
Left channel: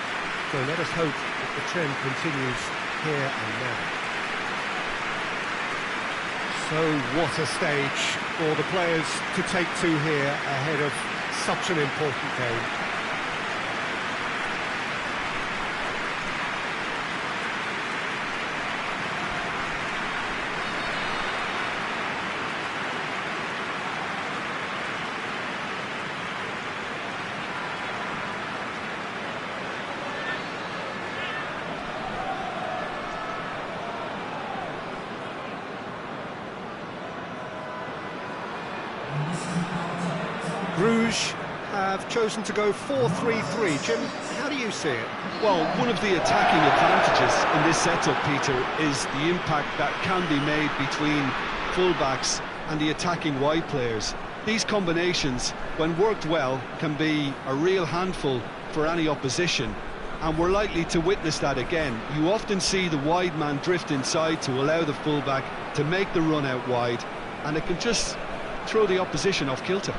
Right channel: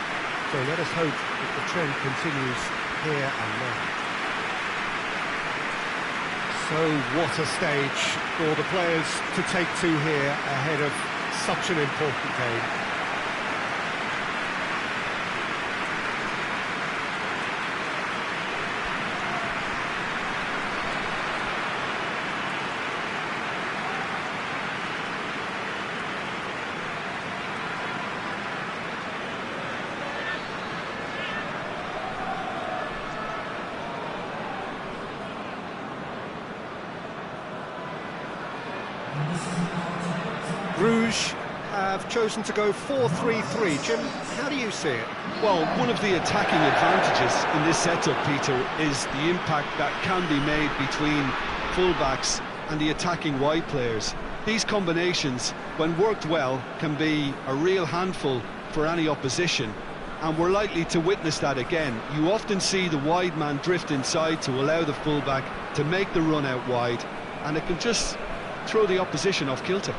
so let us hope that the trend continues here and now. So what a stage for the players to take to here ahead of such an important game. Bruges have chosen to go 4-3-3. Jim, how do you see it? Well, one of the attacking advantages in this setup, Peter, is the impact that can be made between fullbacks and the attacking wide players. These combinations, when worked well, can be a real handful for any opposition, and we're likely to witness that again. You often see the wide man drift inside to allow the fullback to make the run out wide, and it can just throw the opposition off kilter.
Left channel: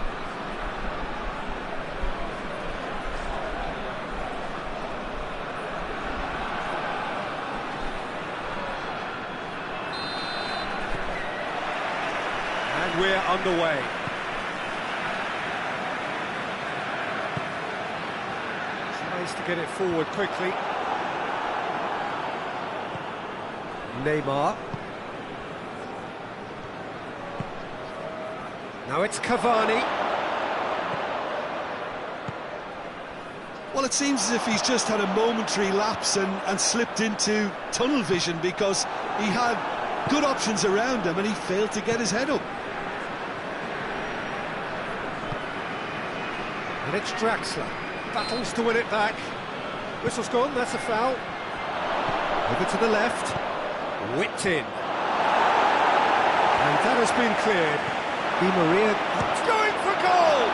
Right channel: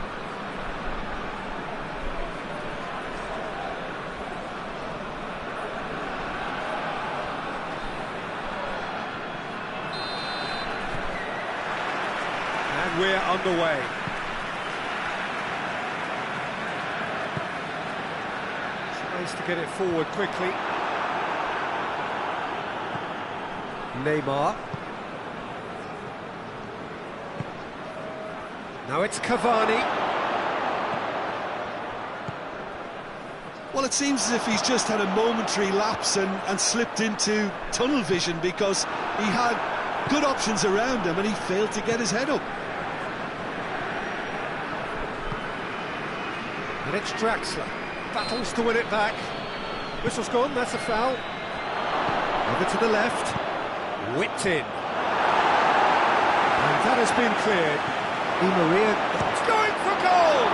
And we're underway. Tries to get it forward quickly. Neymar. Now it's Cavani. Well, it seems as if he's just had a momentary lapse and slipped into tunnel vision, because he had good options around him and he failed to get his head up. And it's Draxler. Battles to win it back. Whistle's gone, that's a foul. Over to the left. Whipped in. And that has been cleared. Di Maria. It's going for goal!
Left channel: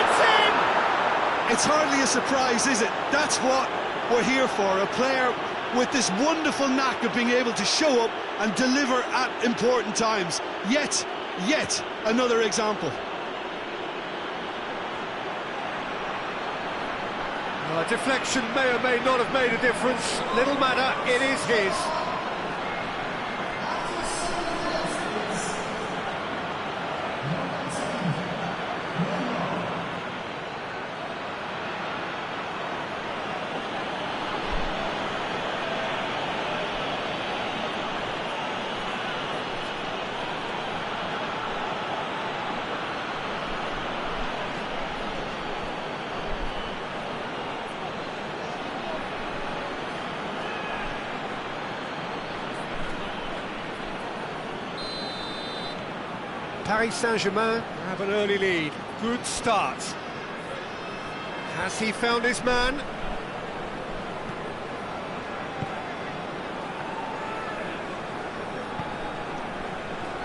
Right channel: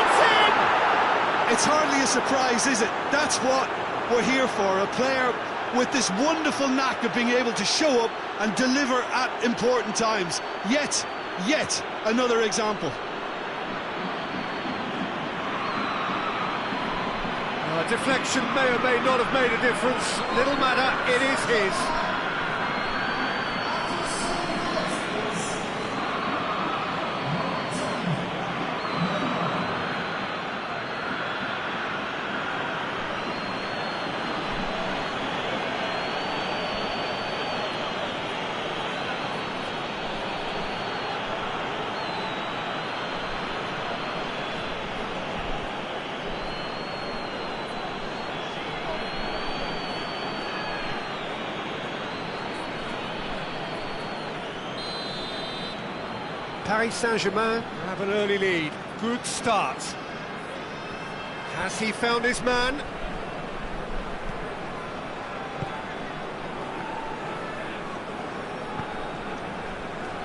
It's in! It's hardly a surprise, is it? That's what we're here for. A player with this wonderful knack of being able to show up and deliver at important times. Yet another example. Deflection may or may not have made a difference. Little matter, it is his. Paris Saint-Germain have an early lead. Good start. Has he found his man?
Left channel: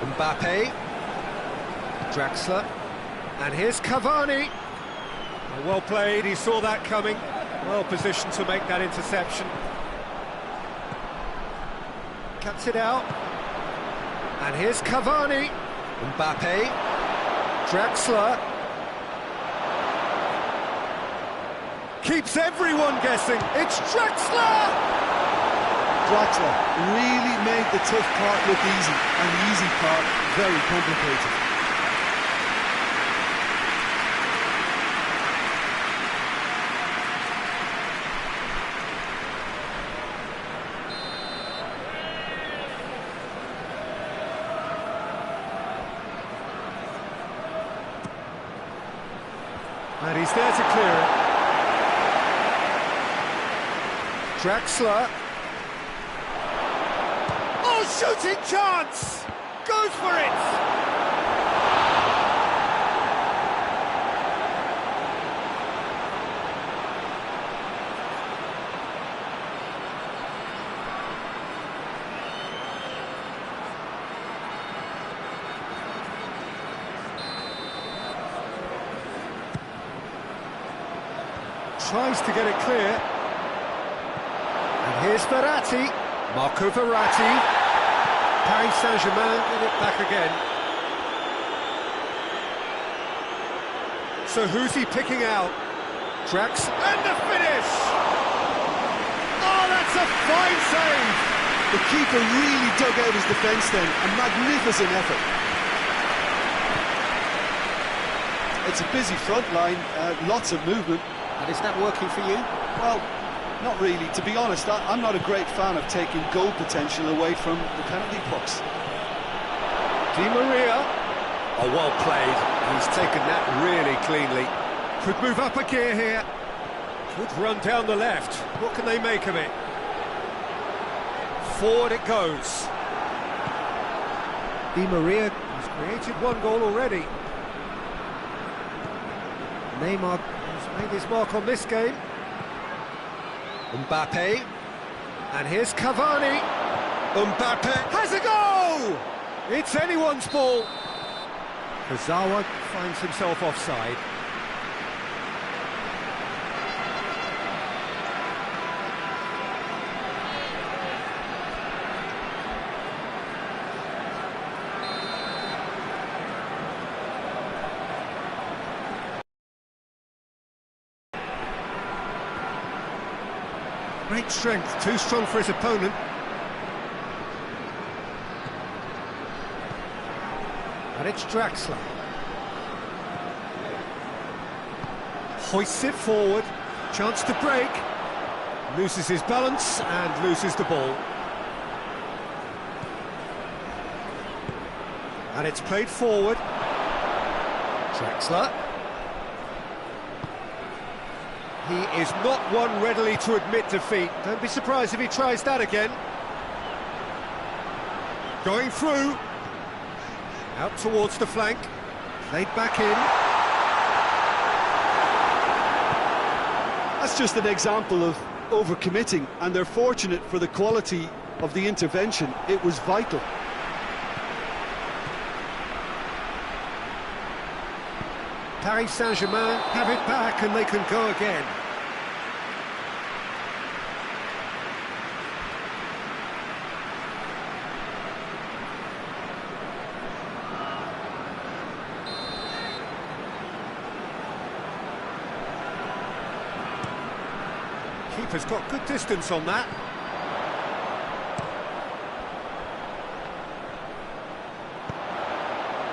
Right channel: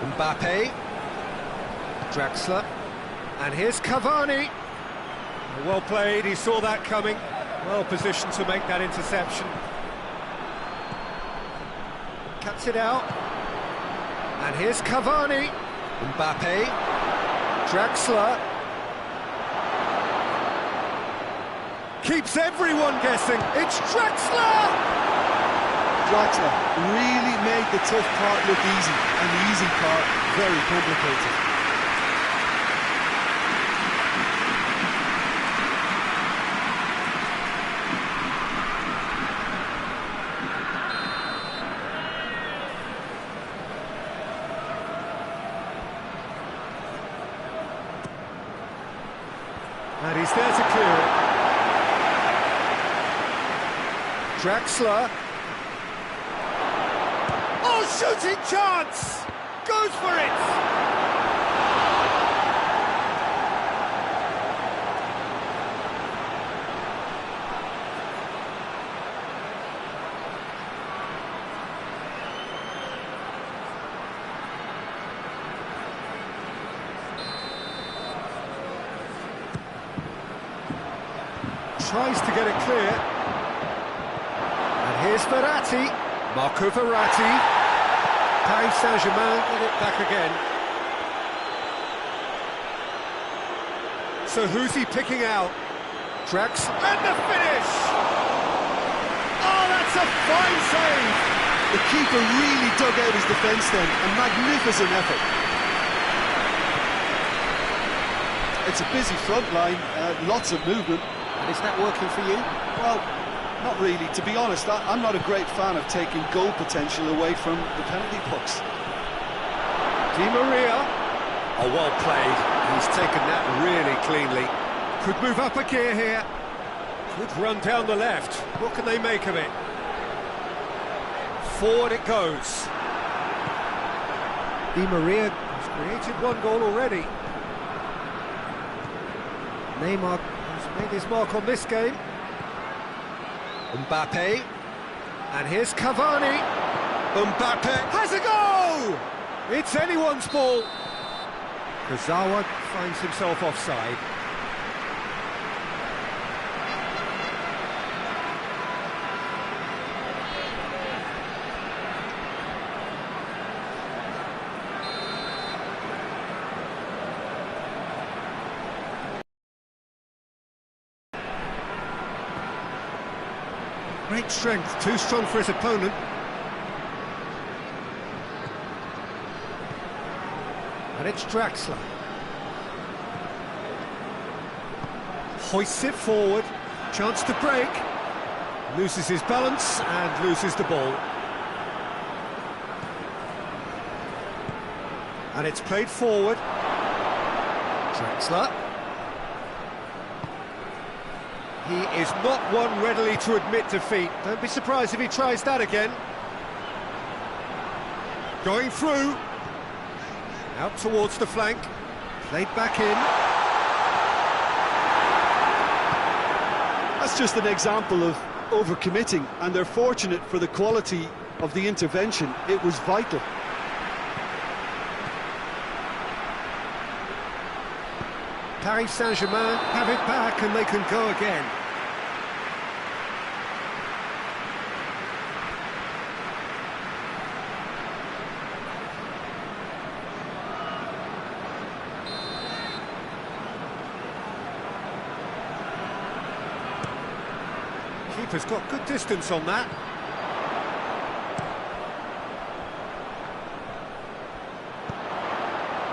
Mbappe. Draxler. And here's Cavani. Well played, he saw that coming. Well positioned to make that interception. Cuts it out. And here's Cavani. Mbappe, Draxler, keeps everyone guessing, it's Draxler! Draxler really made the tough part look easy, and the easy part very complicated. And he's there to clear it. Draxler. Oh, shooting chance! Goes for it! Tries to get it clear. And here's Verratti. Marco Verratti. Paris Saint-Germain get it back again. So who's he picking out? Drax. And the finish! Oh, that's a fine save! The keeper really dug out his defence then. A magnificent effort. It's a busy front line, lots of movement. And is that working for you? Well, not really. To be honest, I'm not a great fan of taking goal potential away from the penalty box. Di Maria. Oh, well played. He's taken that really cleanly. Could move up a gear here. Could run down the left. What can they make of it? Forward it goes. Di Maria has created one goal already. Neymar has made his mark on this game. Mbappe. And here's Cavani. Mbappe has a goal! It's anyone's ball. Kurzawa finds himself offside. Great strength, too strong for his opponent. And it's Draxler. Hoists it forward. Chance to break. Loses his balance and loses the ball. And it's played forward. Drexler. He is not one readily to admit defeat. Don't be surprised if he tries that again. Going through. Out towards the flank. Played back in. That's just an example of overcommitting, and they're fortunate for the quality of the intervention. It was vital. Paris Saint-Germain have it back and they can go again. Keeper's got good distance on that.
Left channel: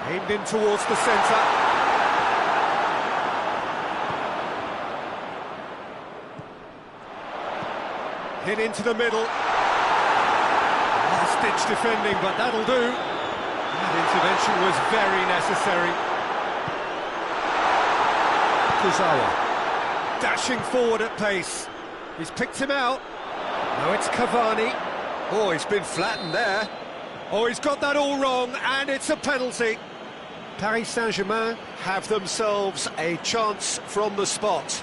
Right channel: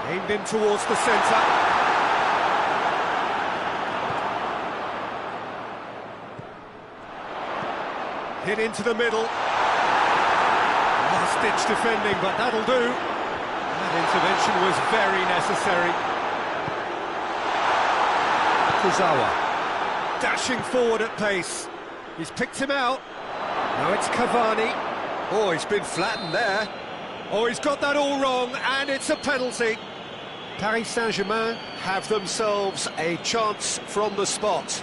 Aimed in towards the centre. Hit into the middle. Last-ditch defending, but that'll do. That intervention was very necessary. Kuzawa. Dashing forward at pace. He's picked him out. Now it's Cavani. Oh, he's been flattened there. Oh, he's got that all wrong, and it's a penalty. Paris Saint-Germain have themselves a chance from the spot.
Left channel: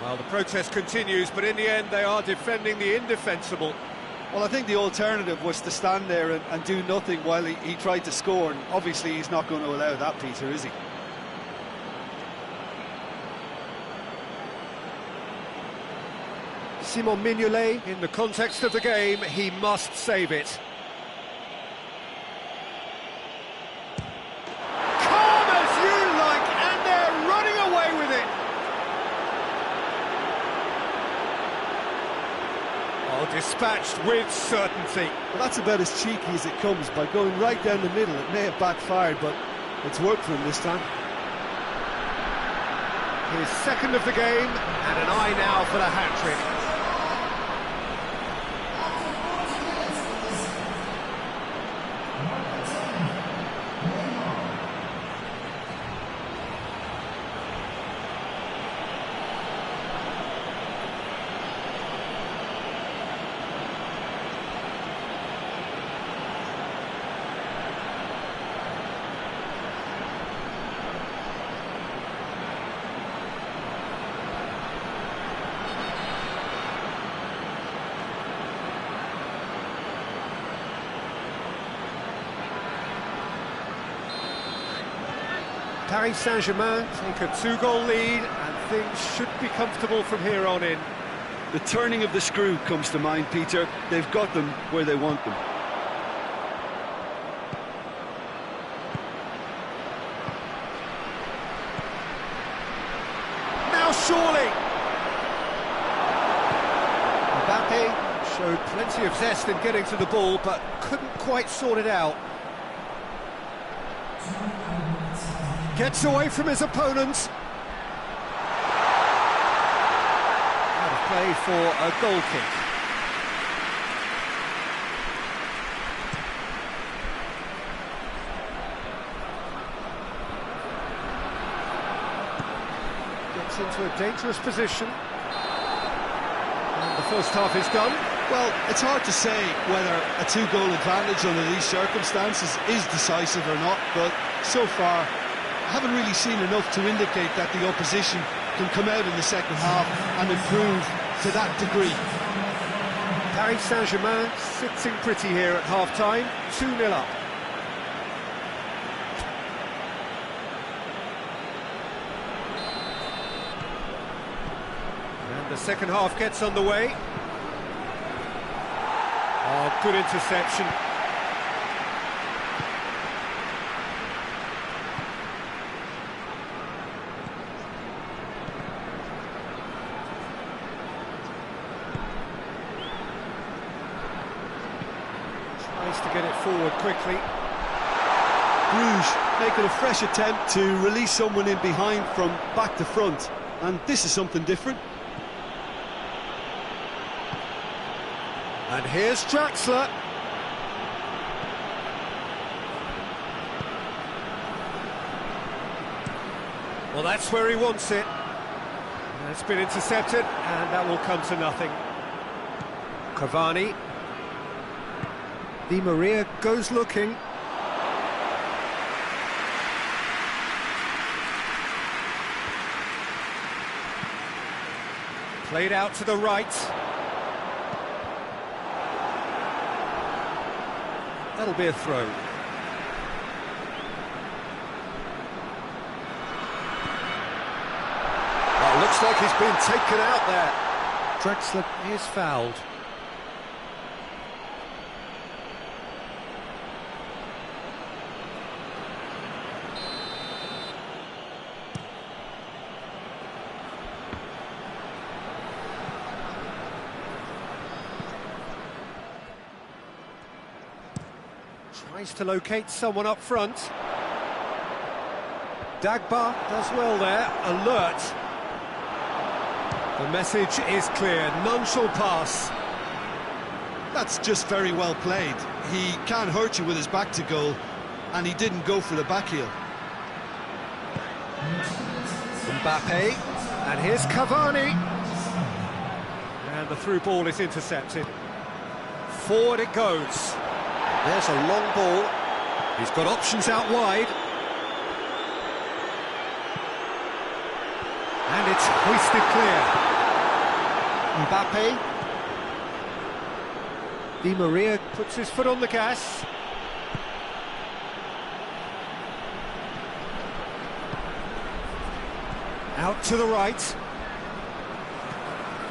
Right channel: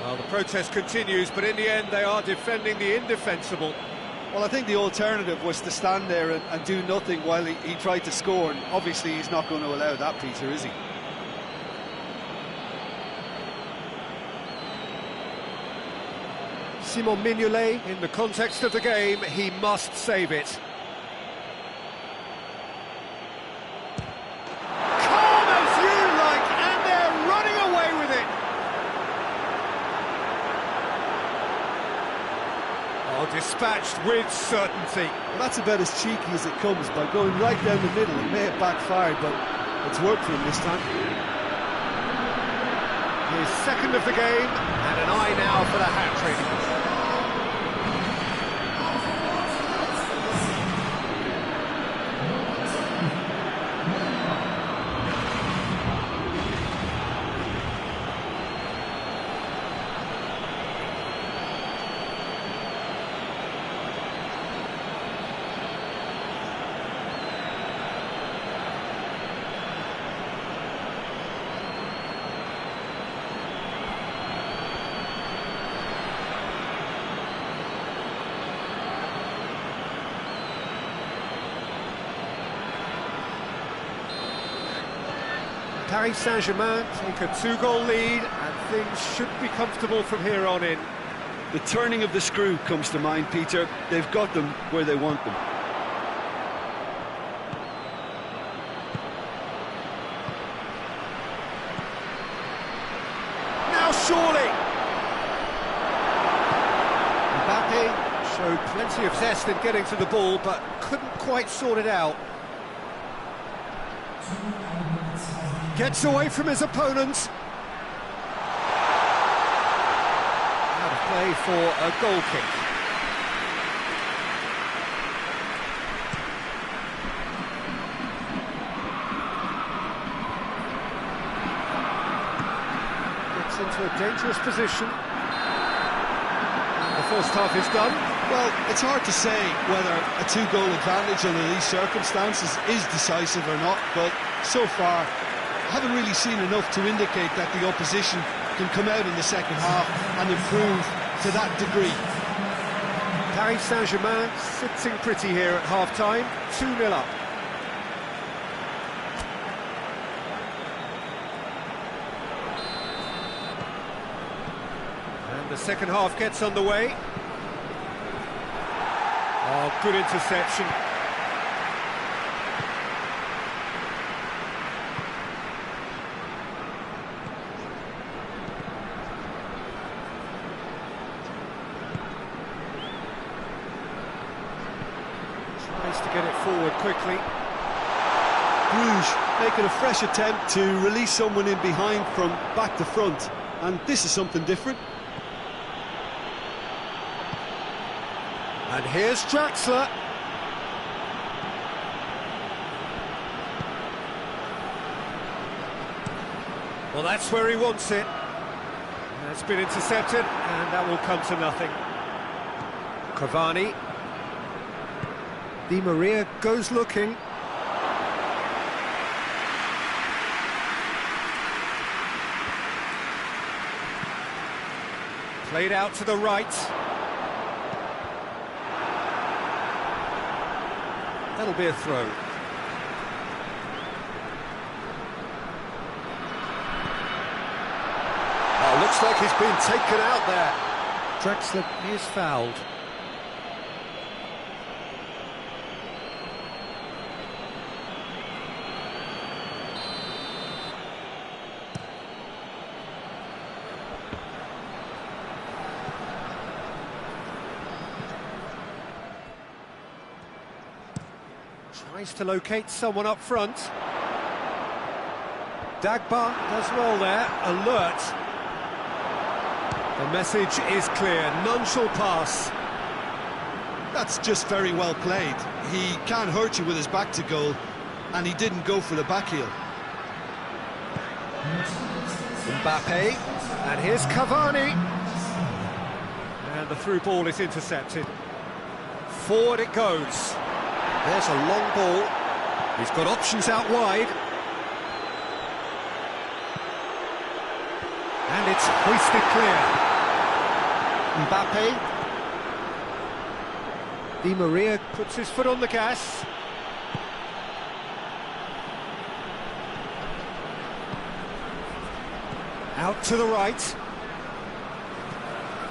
Well, the protest continues, but in the end they are defending the indefensible. Well, I think the alternative was to stand there and do nothing while he tried to score, and obviously he's not going to allow that, Peter, is he? Simon Mignolet, in the context of the game, he must save it. Calm as you like, and they're running away with it. Oh, dispatched with certainty. Well, that's about as cheeky as it comes, by going right down the middle. It may have backfired, but it's worked for him this time. His second of the game, and an eye now for the hat-trick. Paris Saint-Germain take a 2-goal lead, and things should be comfortable from here on in. The turning of the screw comes to mind, Peter. They've got them where they want them. Now surely! Mbappe showed plenty of zest in getting to the ball, but couldn't quite sort it out. Gets away from his opponents. Out of play for a goal kick. Gets into a dangerous position. And the first half is done. Well, it's hard to say whether a 2-goal advantage under these circumstances is decisive or not, but so far I haven't really seen enough to indicate that the opposition can come out in the second half and improve to that degree. Paris Saint-Germain sitting pretty here at half-time, 2-0 up. And the second half gets underway. Oh, good interception. Tries to get it forward quickly. Bruges making a fresh attempt to release someone in behind from back to front, and this is something different. And here's Draxler. Well, that's where he wants it. That's been intercepted, and that will come to nothing. Cavani. Di Maria goes looking. Played out to the right. That'll be a throw. Oh, looks like he's been taken out there. Draxler is fouled. Tries to locate someone up front. Dagba does well there, alert. The message is clear, none shall pass. That's just very well played. He can't hurt you with his back to goal, and he didn't go for the back heel. Mbappe, and here's Cavani. And the through ball is intercepted. Forward it goes. There's a long ball. He's got options out wide. And it's hoisted clear. Mbappe. Di Maria puts his foot on the gas. Out to the right.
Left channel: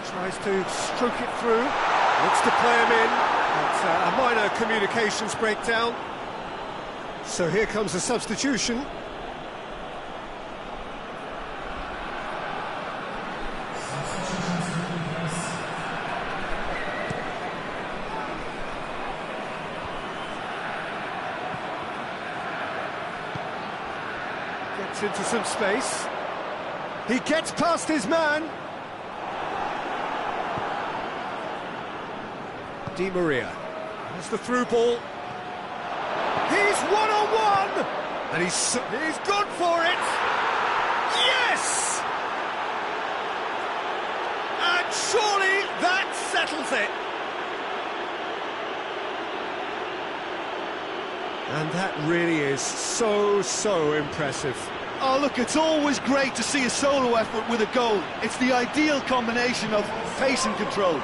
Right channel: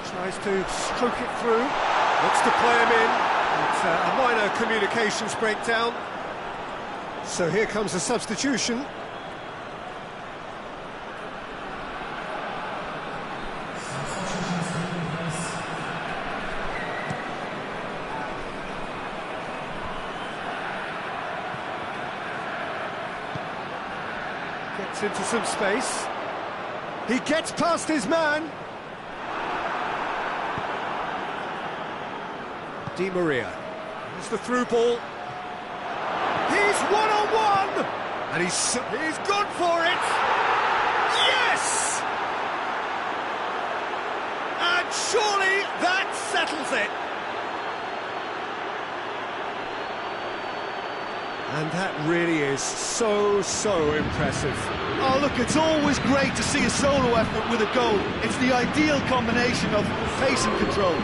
Tries to stroke it through. Looks to play him in. It's a minor communications breakdown. So here comes a substitution. Gets into some space. He gets past his man. Di Maria. There's the through ball. He's one-on-one! And he's gone for it! Yes! And surely that settles it! And that really is so impressive. Oh, look, it's always great to see a solo effort with a goal. It's the ideal combination of pace and control.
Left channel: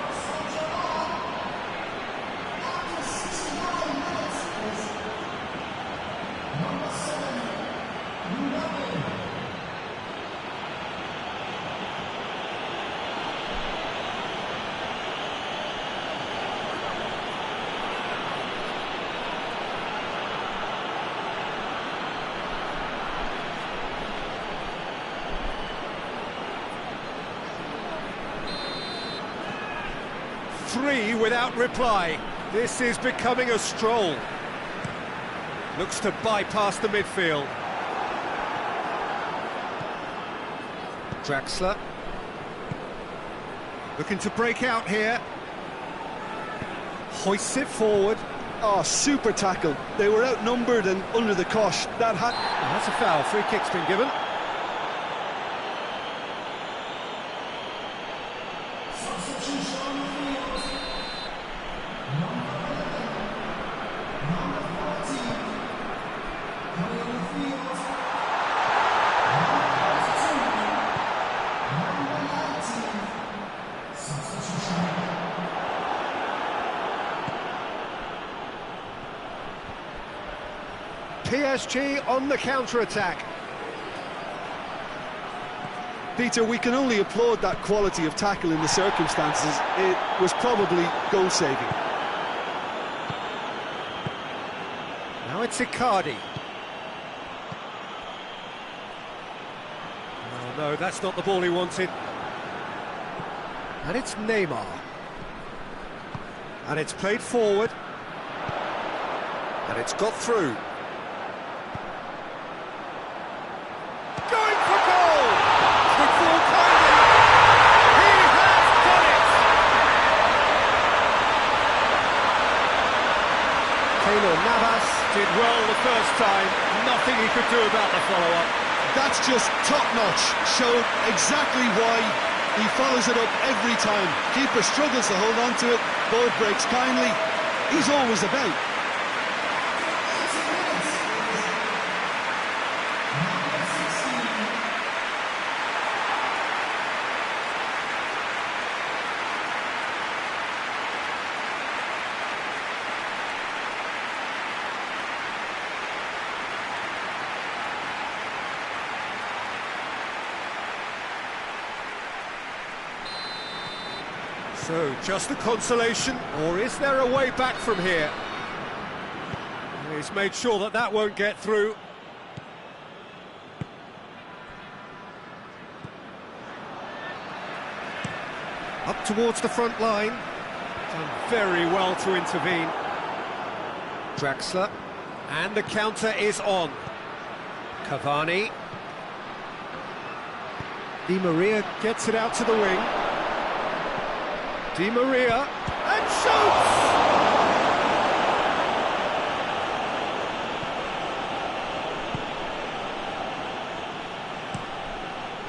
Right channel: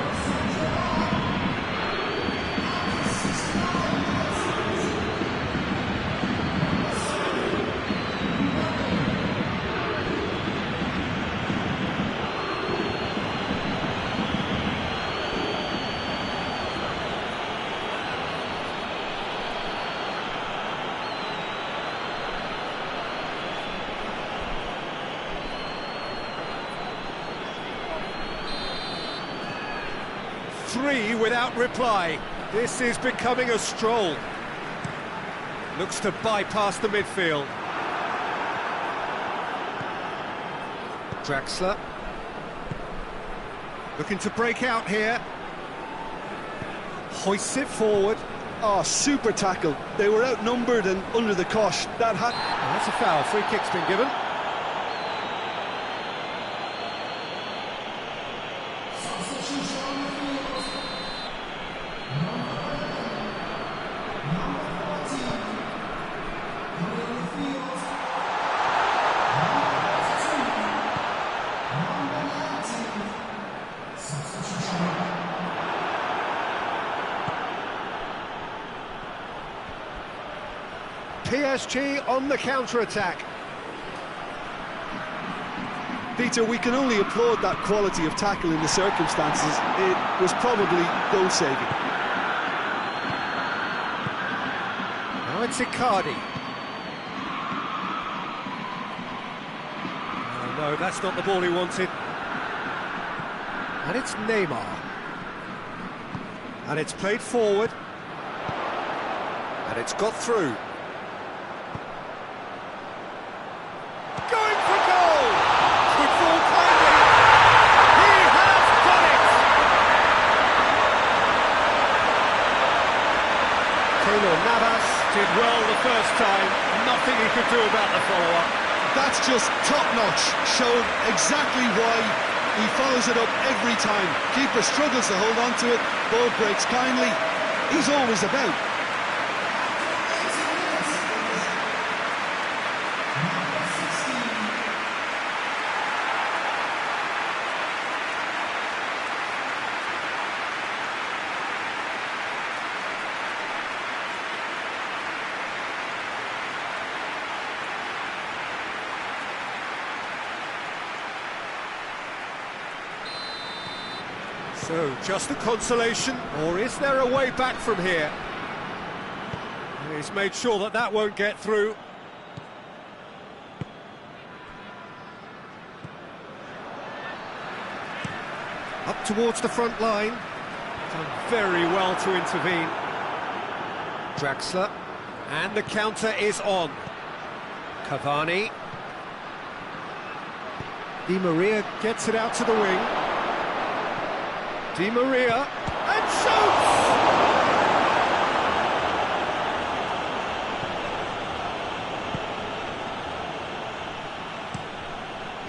Three without reply. This is becoming a stroll. Looks to bypass the midfield. Draxler. Looking to break out here. Hoists it forward. Oh, super tackle. They were outnumbered and under the cosh. That's a foul. Free kick's been given. PSG on the counter-attack. Peter, we can only applaud that quality of tackle in the circumstances. It was probably goal-saving. Now it's Icardi. Oh, no, that's not the ball he wanted. And it's Neymar. And it's played forward. And it's got through. Going for goal! Good ball kindly. He has done first time, nothing he could do about the follow-up. That's just top-notch, showed exactly why he follows it up every time. Keeper struggles to hold on to it, ball breaks kindly, he's always about. So, just a consolation, or is there a way back from here? He's made sure that that won't get through. Up towards the front line. Done very well to intervene. Draxler. And the counter is on. Cavani. Di Maria gets it out to the wing. Di Maria, and shoots!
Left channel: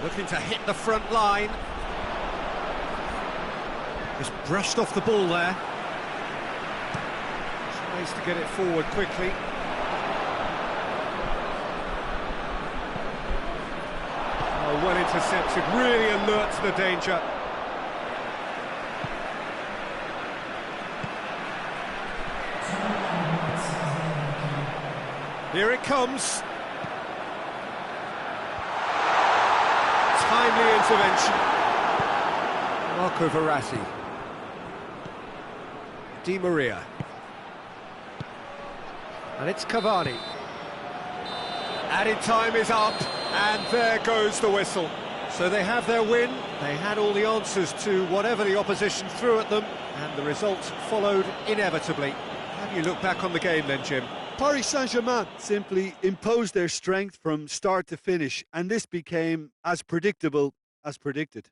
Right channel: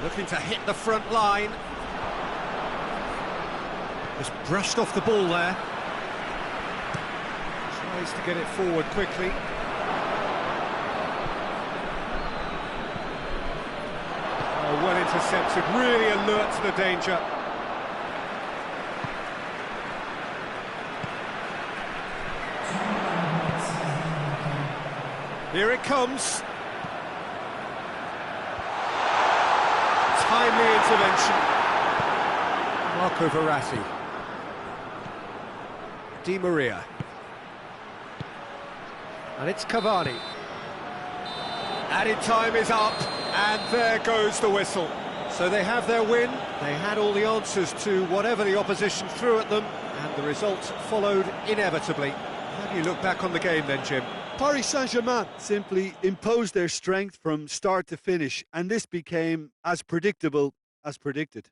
Looking to hit the front line. Just brushed off the ball there. Tries to get it forward quickly. Oh, well intercepted, really alert to the danger. Here it comes. Timely intervention. Marco Verratti. Di Maria. And it's Cavani. Added time is up, and there goes the whistle. So they have their win. They had all the answers to whatever the opposition threw at them, and the result followed inevitably. How do you look back on the game then, Jim? Paris Saint-Germain simply imposed their strength from start to finish, and this became as predictable as predicted.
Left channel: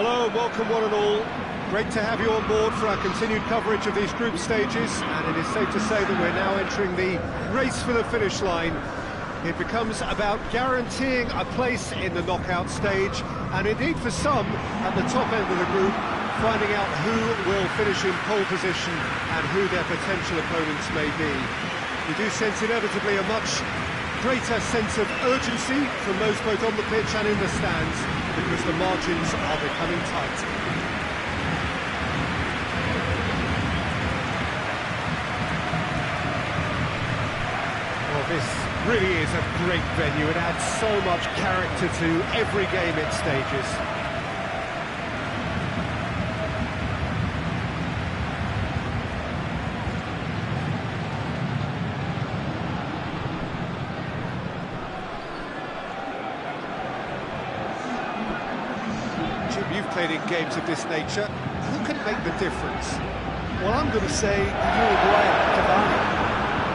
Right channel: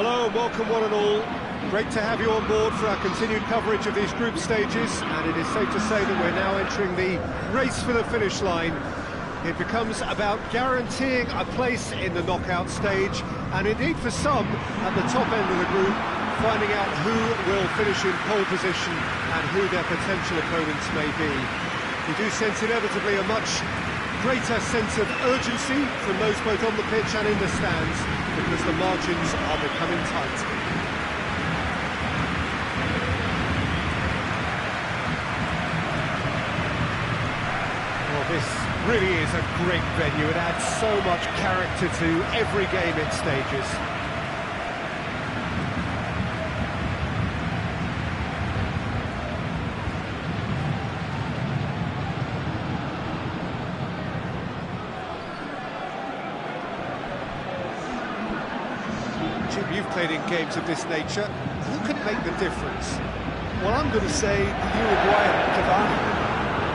Hello and welcome one and all. Great to have you on board for our continued coverage of these group stages, and it is safe to say that we're now entering the race for the finish line. It becomes about guaranteeing a place in the knockout stage, and indeed for some, at the top end of the group, finding out who will finish in pole position and who their potential opponents may be. You do sense inevitably a much greater sense of urgency from those both on the pitch and in the stands, because the margins are becoming tight. Well, this really is a great venue. It adds so much character to every game it stages. Jim, you've played in games of this nature. Who can make the difference? Well, I'm going to say the Uruguayan, Cavani.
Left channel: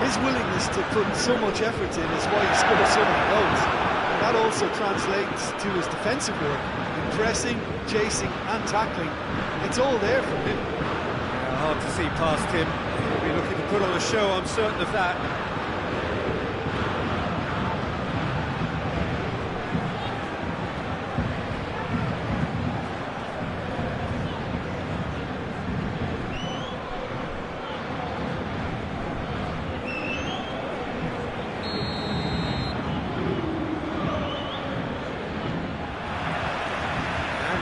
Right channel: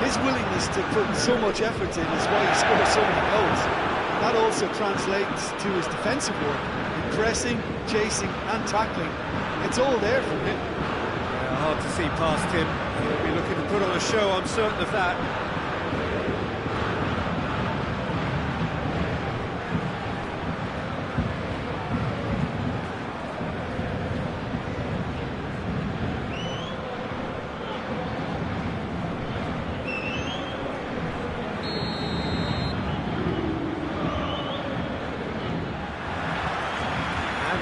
His willingness to put so much effort in is why he scores so many goals. And that also translates to his defensive work, in pressing, chasing and tackling. It's all there from him. Yeah, hard to see past him. He'll be looking to put on a show, I'm certain of that.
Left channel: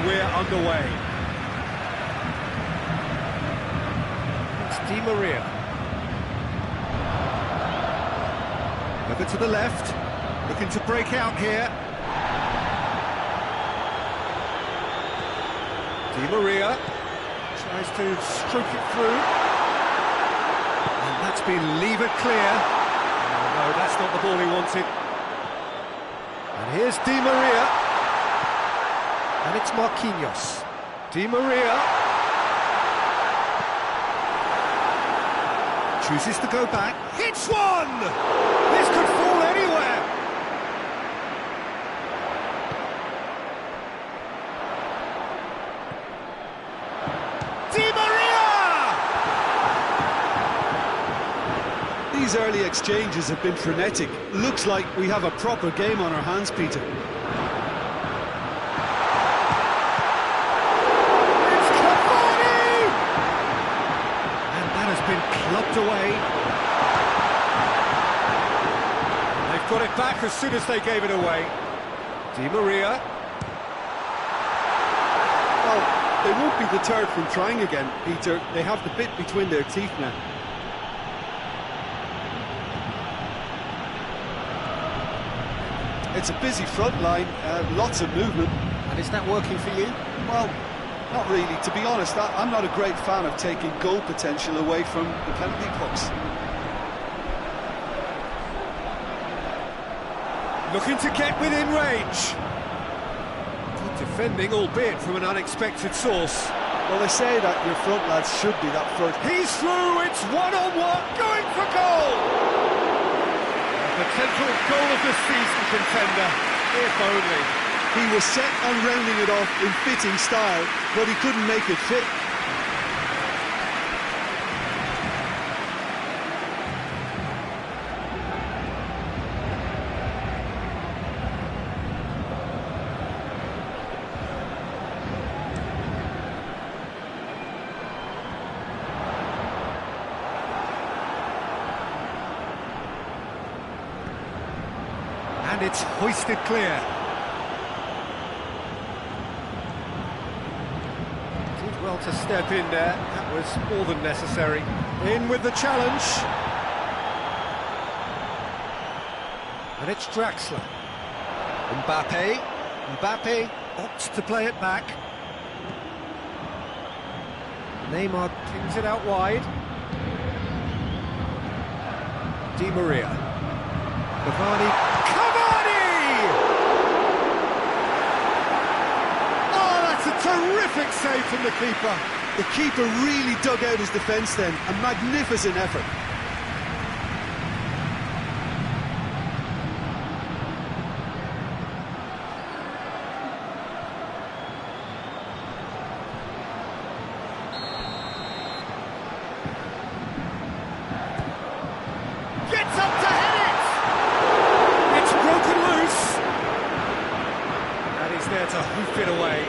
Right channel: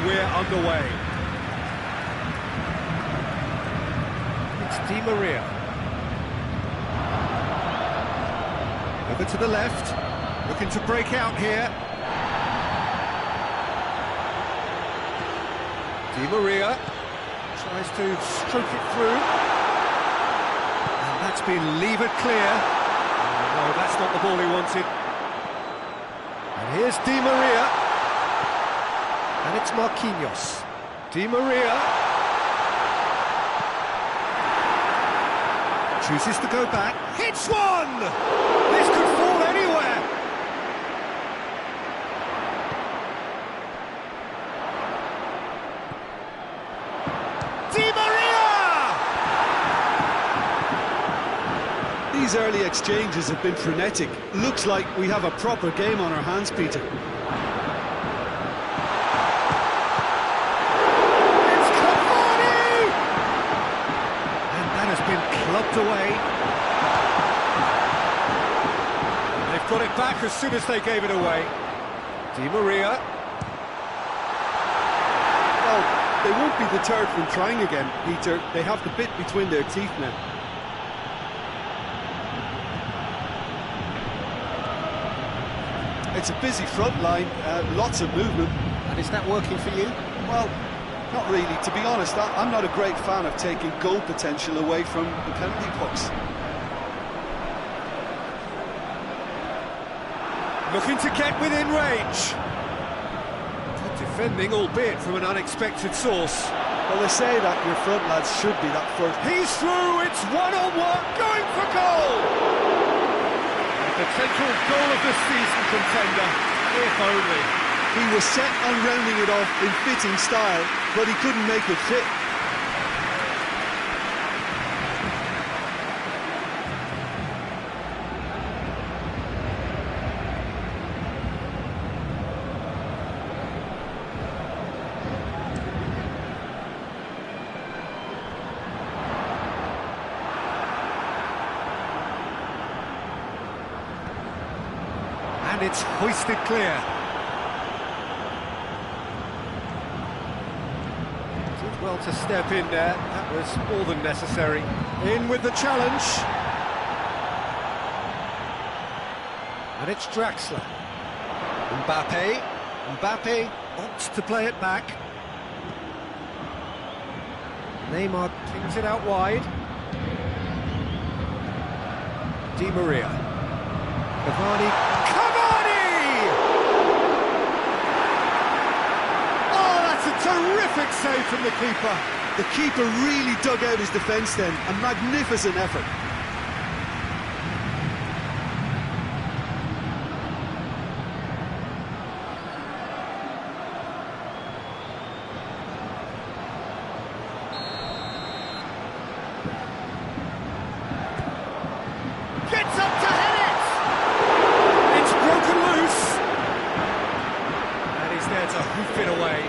We're underway. It's Di Maria. Over to the left, looking to break out here. Di Maria tries to stroke it through. And that's been levered clear. Oh, no, that's not the ball he wanted. And here's Di Maria. And it's Marquinhos. Di Maria chooses to go back. Hits one! This could fall anywhere. Di Maria! These early exchanges have been frenetic. Looks like we have a proper game on our hands, Peter. Been clubbed away. They've got it back as soon as they gave it away. Di Maria. Well, they won't be deterred from trying again, Peter. They have the bit between their teeth now. It's a busy front line, lots of movement. And is that working for you? Well, not really. To be honest, I'm not a great fan of taking goal potential away from the penalty box. Looking to get within range. Good defending, albeit from an unexpected source. Well, they say that your front lads should be that first. He's through, it's one-on-one, going for goal! A potential goal of the season contender, if only. He was set on rounding it off in fitting style, but he couldn't make it fit. And it's hoisted clear. Well to step in there, that was more than necessary. In with the challenge. And it's Draxler. Mbappe opts to play it back. Neymar pings it out wide. Di Maria. Cavani. A terrific save from the keeper. The keeper really dug out his defence then. A magnificent effort. Gets up to head it! to hoof it away.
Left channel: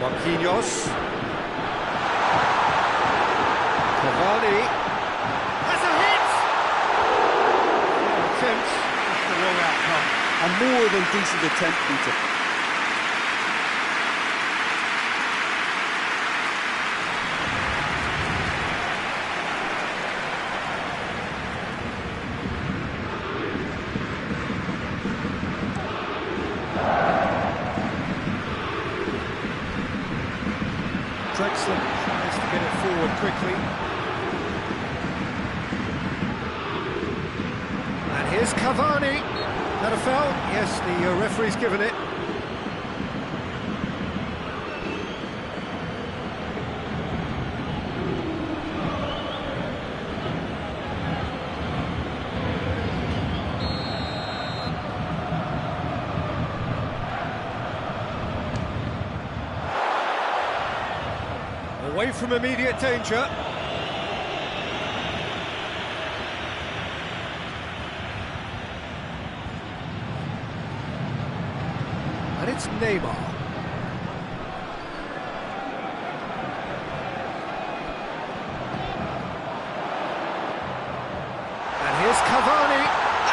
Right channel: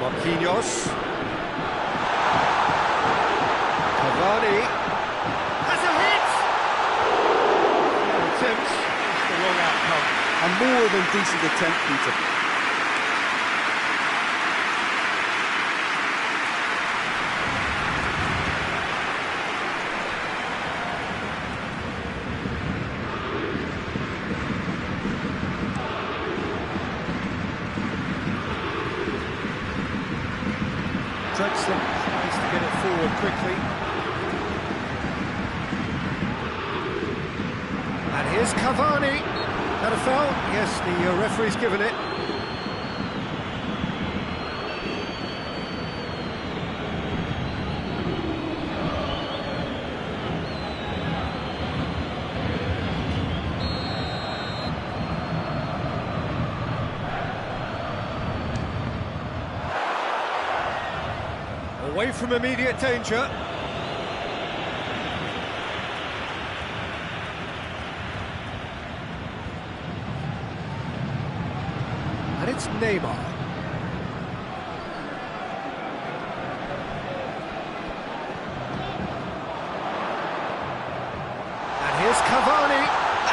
Marquinhos. Cavani. Has a hit! Fair attempt, just the wrong outcome. A more than decent attempt, Peter. Drexler tries to get it forward quickly. And here's Cavani. That a foul? Yes, the referee's given it. Away from immediate danger. And it's Neymar. And here's Cavani.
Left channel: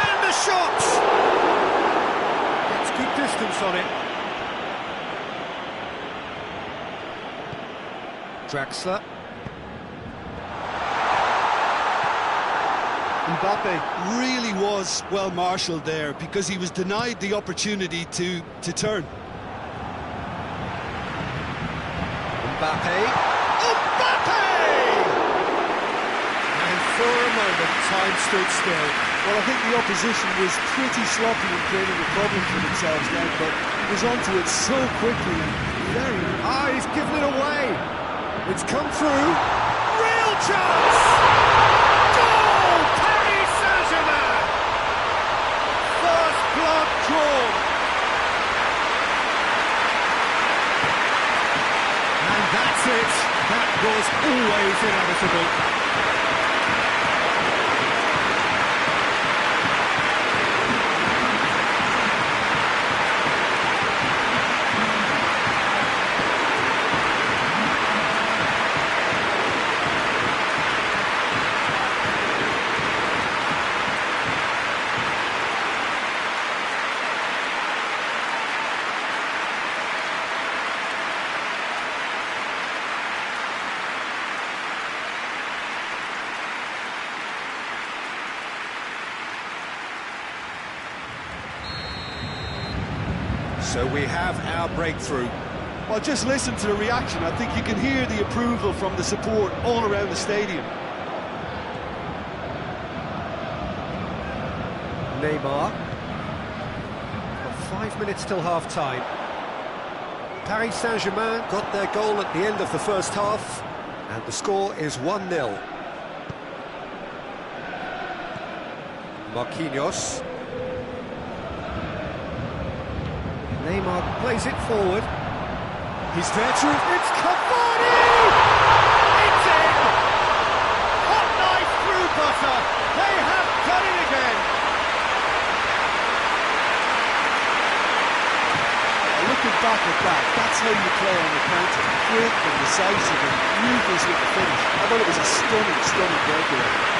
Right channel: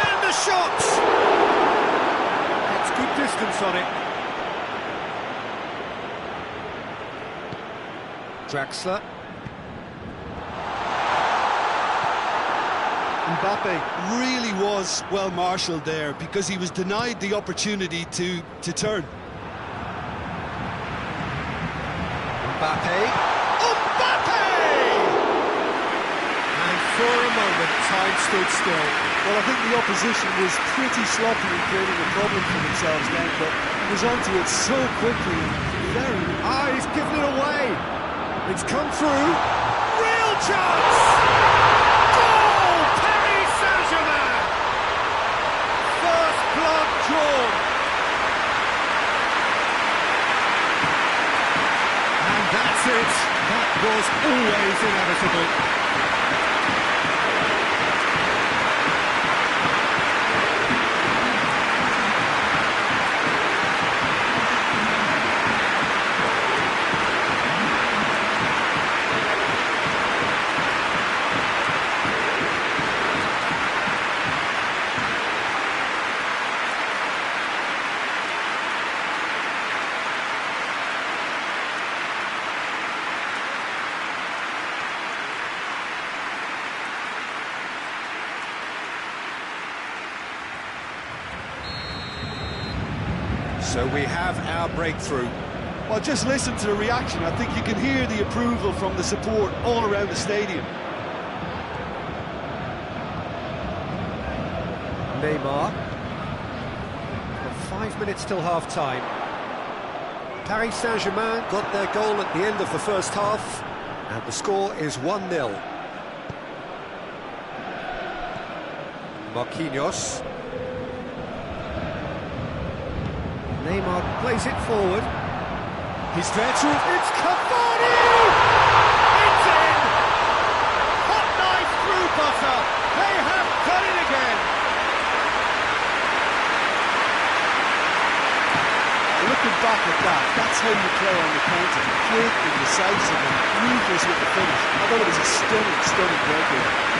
And the shot! Gets good distance on it. Drexler. Mbappe really was well marshalled there because he was denied the opportunity to turn. Mbappe. Mbappe! And for a moment, time stood still. Well, I think the opposition was pretty sloppy in creating a problem for themselves then, but he was onto it so quickly and very... He's given it away. It's come through. Real chance! Goal! Paris Saint-Germain! First blood drawn. And that's it. That was always inevitable. So we have our breakthrough. Well, just listen to the reaction. I think you can hear the approval from the support all around the stadium. Neymar. Got 5 minutes till half-time. Paris Saint-Germain got their goal at the end of the first half, and the score is 1-0. Marquinhos. Neymar plays it forward. He's there to... It's Cavani! It's in! Hot knife through butter. They have done it again. Looking back at that, that's how you play on the counter. Quick and decisive and ruthless with the finish. I thought it was a stunning breakaway.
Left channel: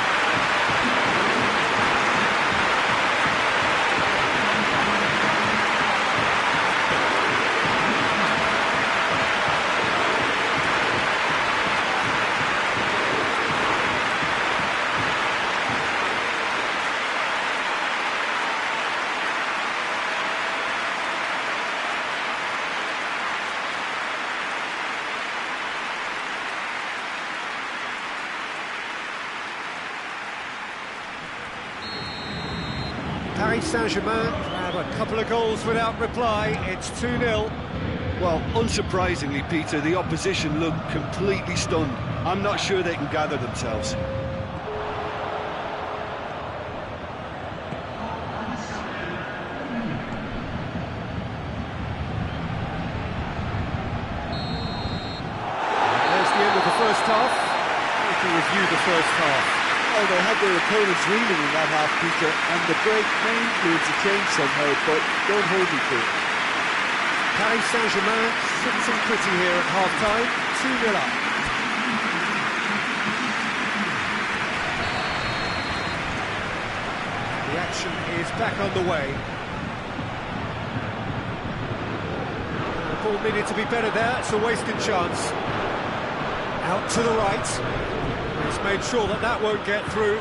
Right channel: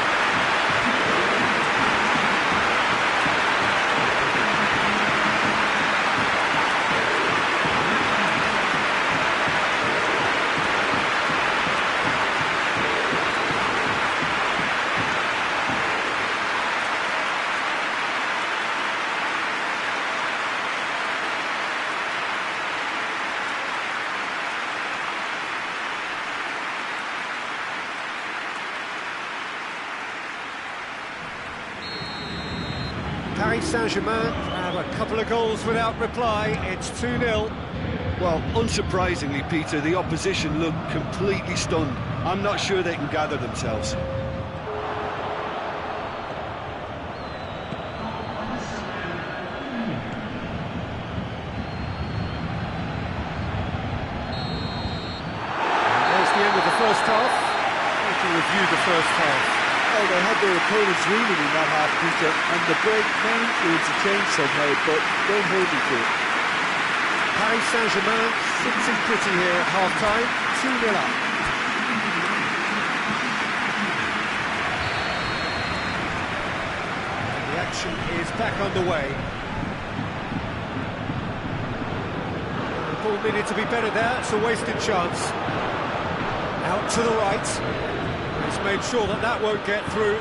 Paris Saint-Germain have a couple of goals without reply. It's 2-0. Well, unsurprisingly, Peter, the opposition look completely stunned. I'm not sure they can gather themselves. And there's the end of the first half. We can review the first half. Well, they had their opponents reeling in that half, Peter, and the break may influence a change somehow, but don't hold me to it. Paris Saint-Germain sits in pretty here at half-time, 2-0 up. And the action is back underway. The ball needed to be better there, it's a wasted chance. Out to the right. He's made sure that that won't get through.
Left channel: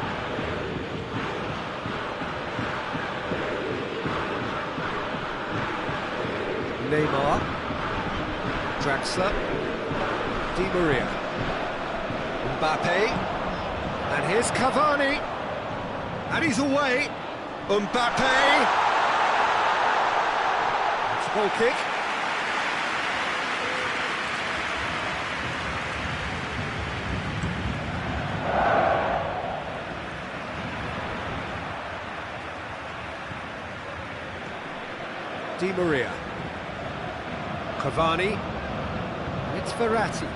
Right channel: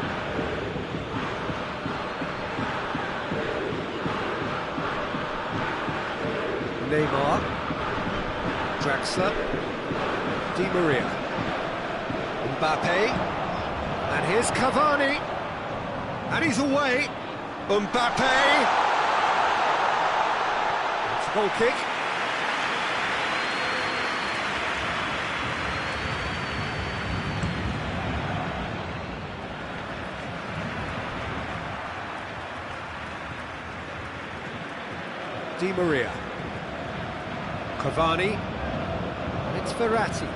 Neymar, Draxler, Di Maria, Mbappe, and here's Cavani, and he's away. Mbappe, it's a goal kick. Di Maria, Cavani, and it's Verratti.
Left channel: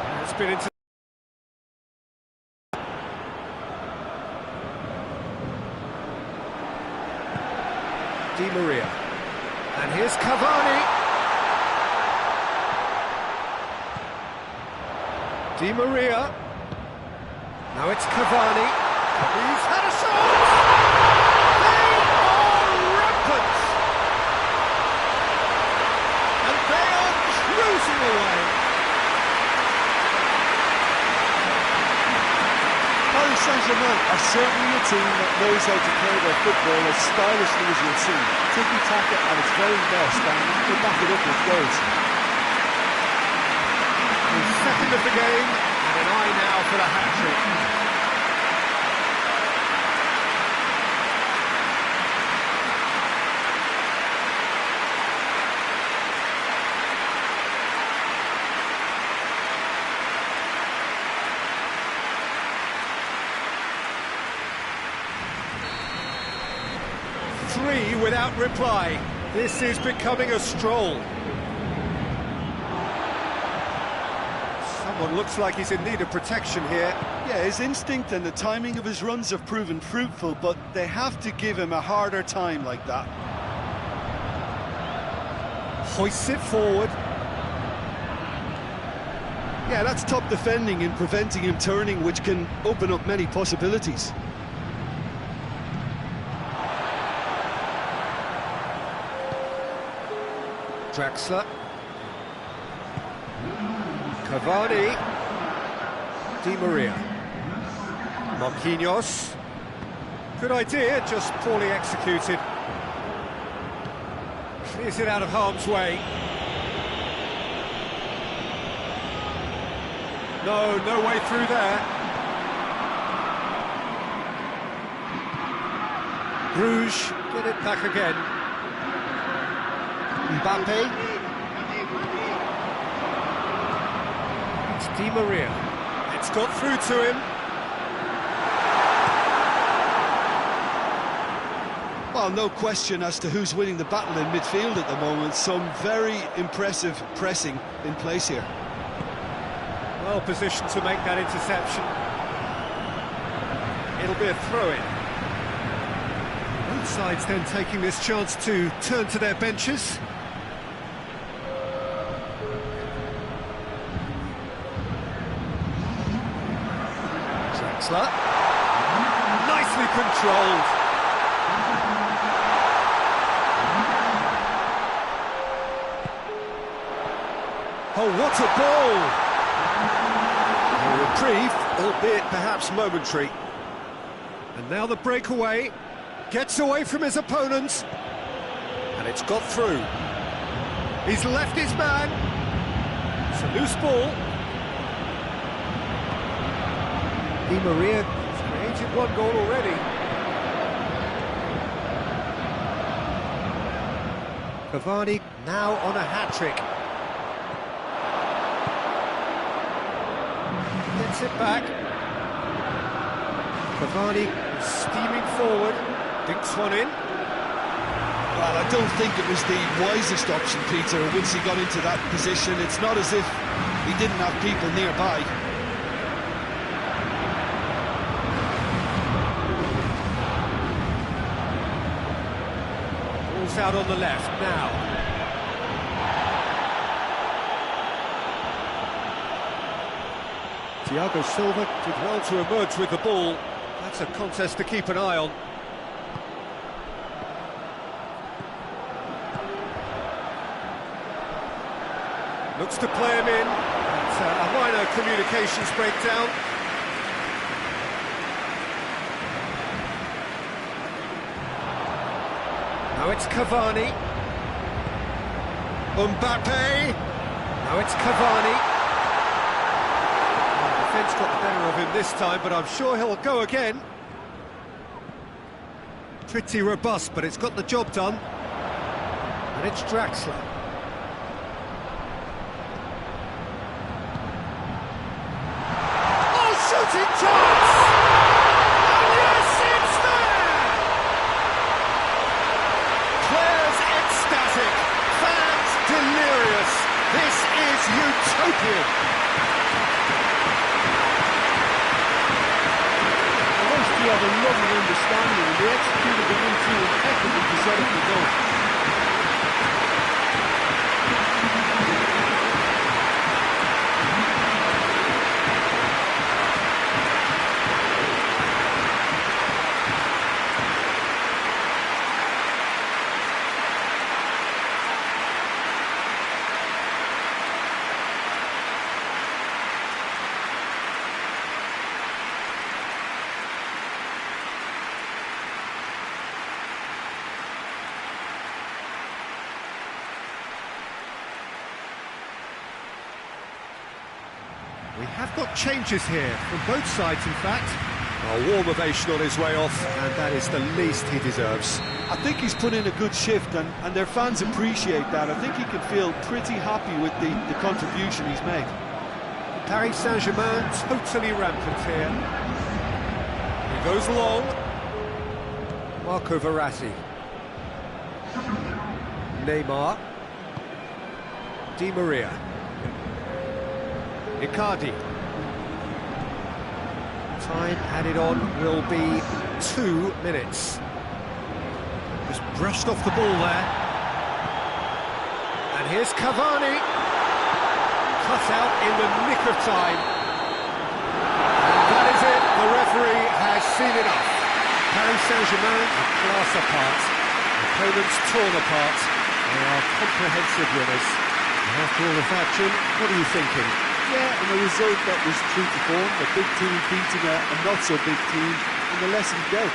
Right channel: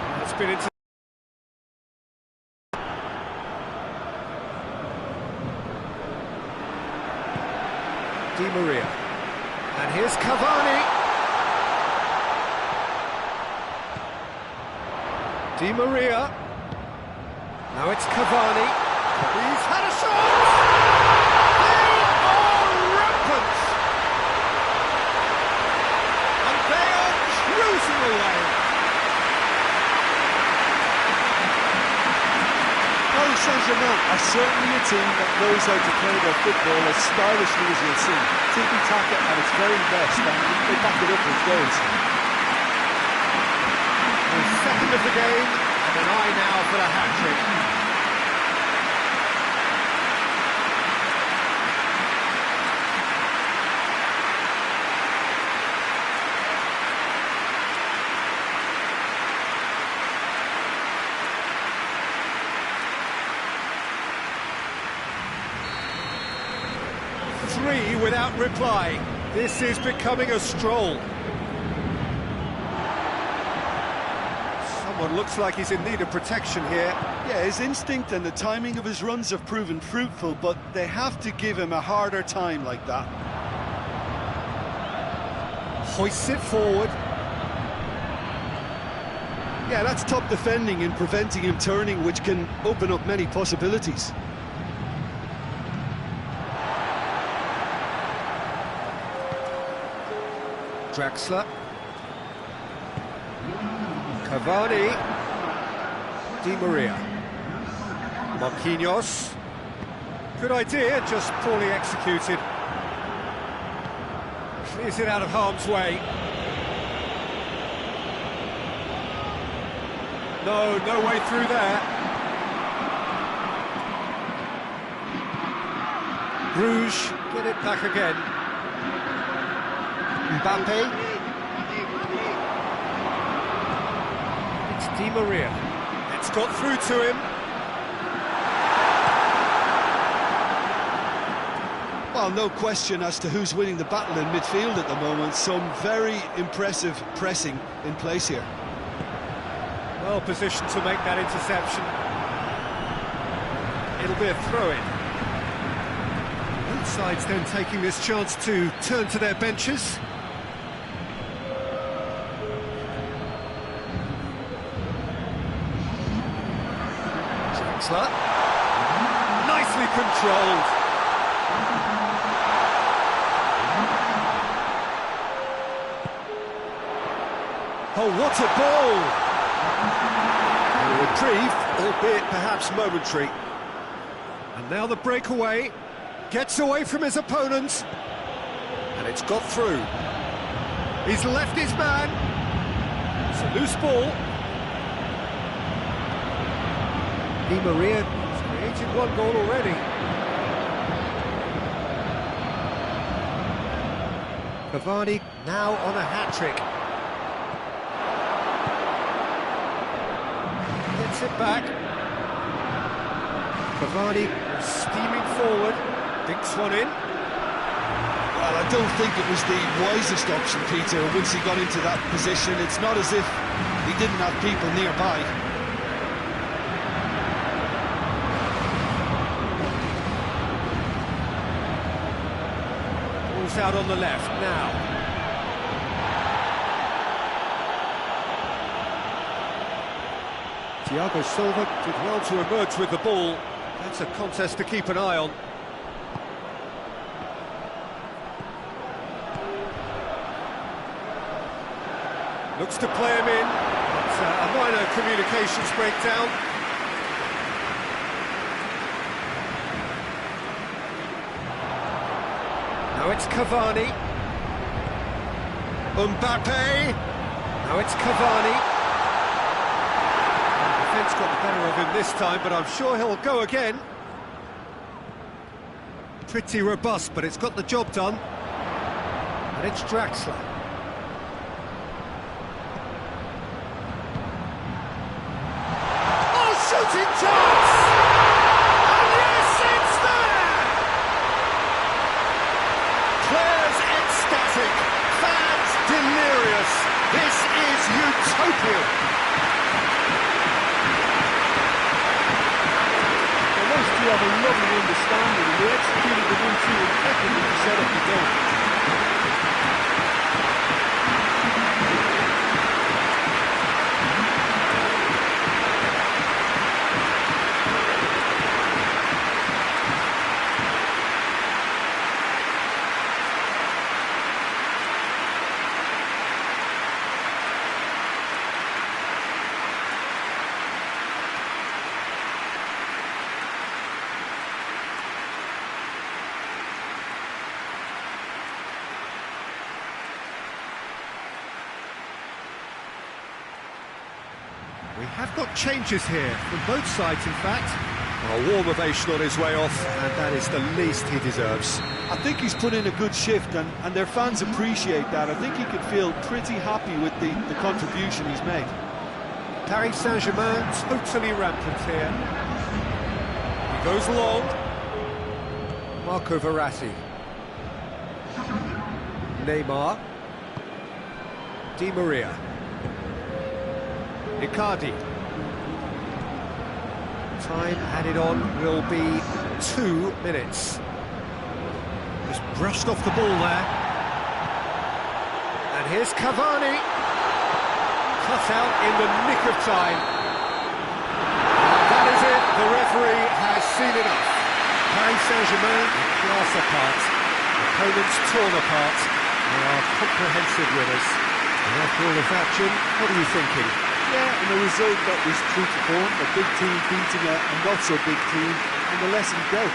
And it's been into... Di Maria, and here's Cavani. Di Maria, now it's Cavani. He's had a shot! Cruising away. Paris Saint-Germain are certainly a team that knows how to play their football as stylishly as you'll see. Tiki-taka at its very best, and they back it up with goals. The second of the game, and an eye now for the hat-trick. Three without reply. This is becoming a stroll. Someone looks like he's in need of protection here. Yeah, his instinct and the timing of his runs have proven fruitful, but they have to give him a harder time like that. Hoists it forward. Yeah, that's top defending and preventing him turning, which can open up many possibilities. Draxler, Cavani, Di Maria, Marquinhos. Good idea, just poorly executed. Clears it out of harm's way. No way through there. Bruges get it back again. Mbappe. It's Di Maria. It's got through to him. Well, no question as to who's winning the battle in midfield at the moment. Some very impressive pressing in place here. Well positioned to make that interception. It'll be a throw-in. Both sides then taking this chance to turn to their benches. Draxler. Nicely controlled. Oh, what a ball! A reprieve, albeit perhaps momentary. And now the breakaway. Gets away from his opponent. And it's got through. He's left his man. It's a loose ball. Di Maria has created one goal already. Cavani now on a hat-trick. Gets it back. Cavani steaming forward. Dinks one in. Well, I don't think it was the wisest option, Peter, once he got into that position. It's not as if he didn't have people nearby. Ball's out on the left now. Thiago Silva did well to emerge with the ball. That's a contest to keep an eye on. Looks to play him in. That's a minor communications breakdown. Now it's Cavani. Mbappe. Now it's Cavani. The defence got the better of him this time, but I'm sure he'll go again. Pretty robust, but it's got the job done. And it's Draxler. Oh, shooting chance! And yes, it's there! Players ecstatic, fans delirious. This is utopian. Well, those two have a lovely understanding, and they executed the 1-2 impeccably to set up the goal. We have got changes here, from both sides in fact. A warm ovation on his way off, and that is the least he deserves. I think he's put in a good shift, and their fans appreciate that. I think he can feel pretty happy with the contribution he's made. Paris Saint-Germain totally rampant here. He goes long. Marco Verratti. Neymar. Di Maria. Icardi. Time added on will be 2 minutes. Just brushed off the ball there. And here's Cavani. Cut out in the nick of time. And that is it. The referee has seen enough. Paris Saint-Germain a class apart. Opponents torn apart. They are comprehensive winners. And after all of that, Jim, what are you thinking? Yeah, and a result that was true to form, a big team beating a not-so-big team, and the lesson dealt.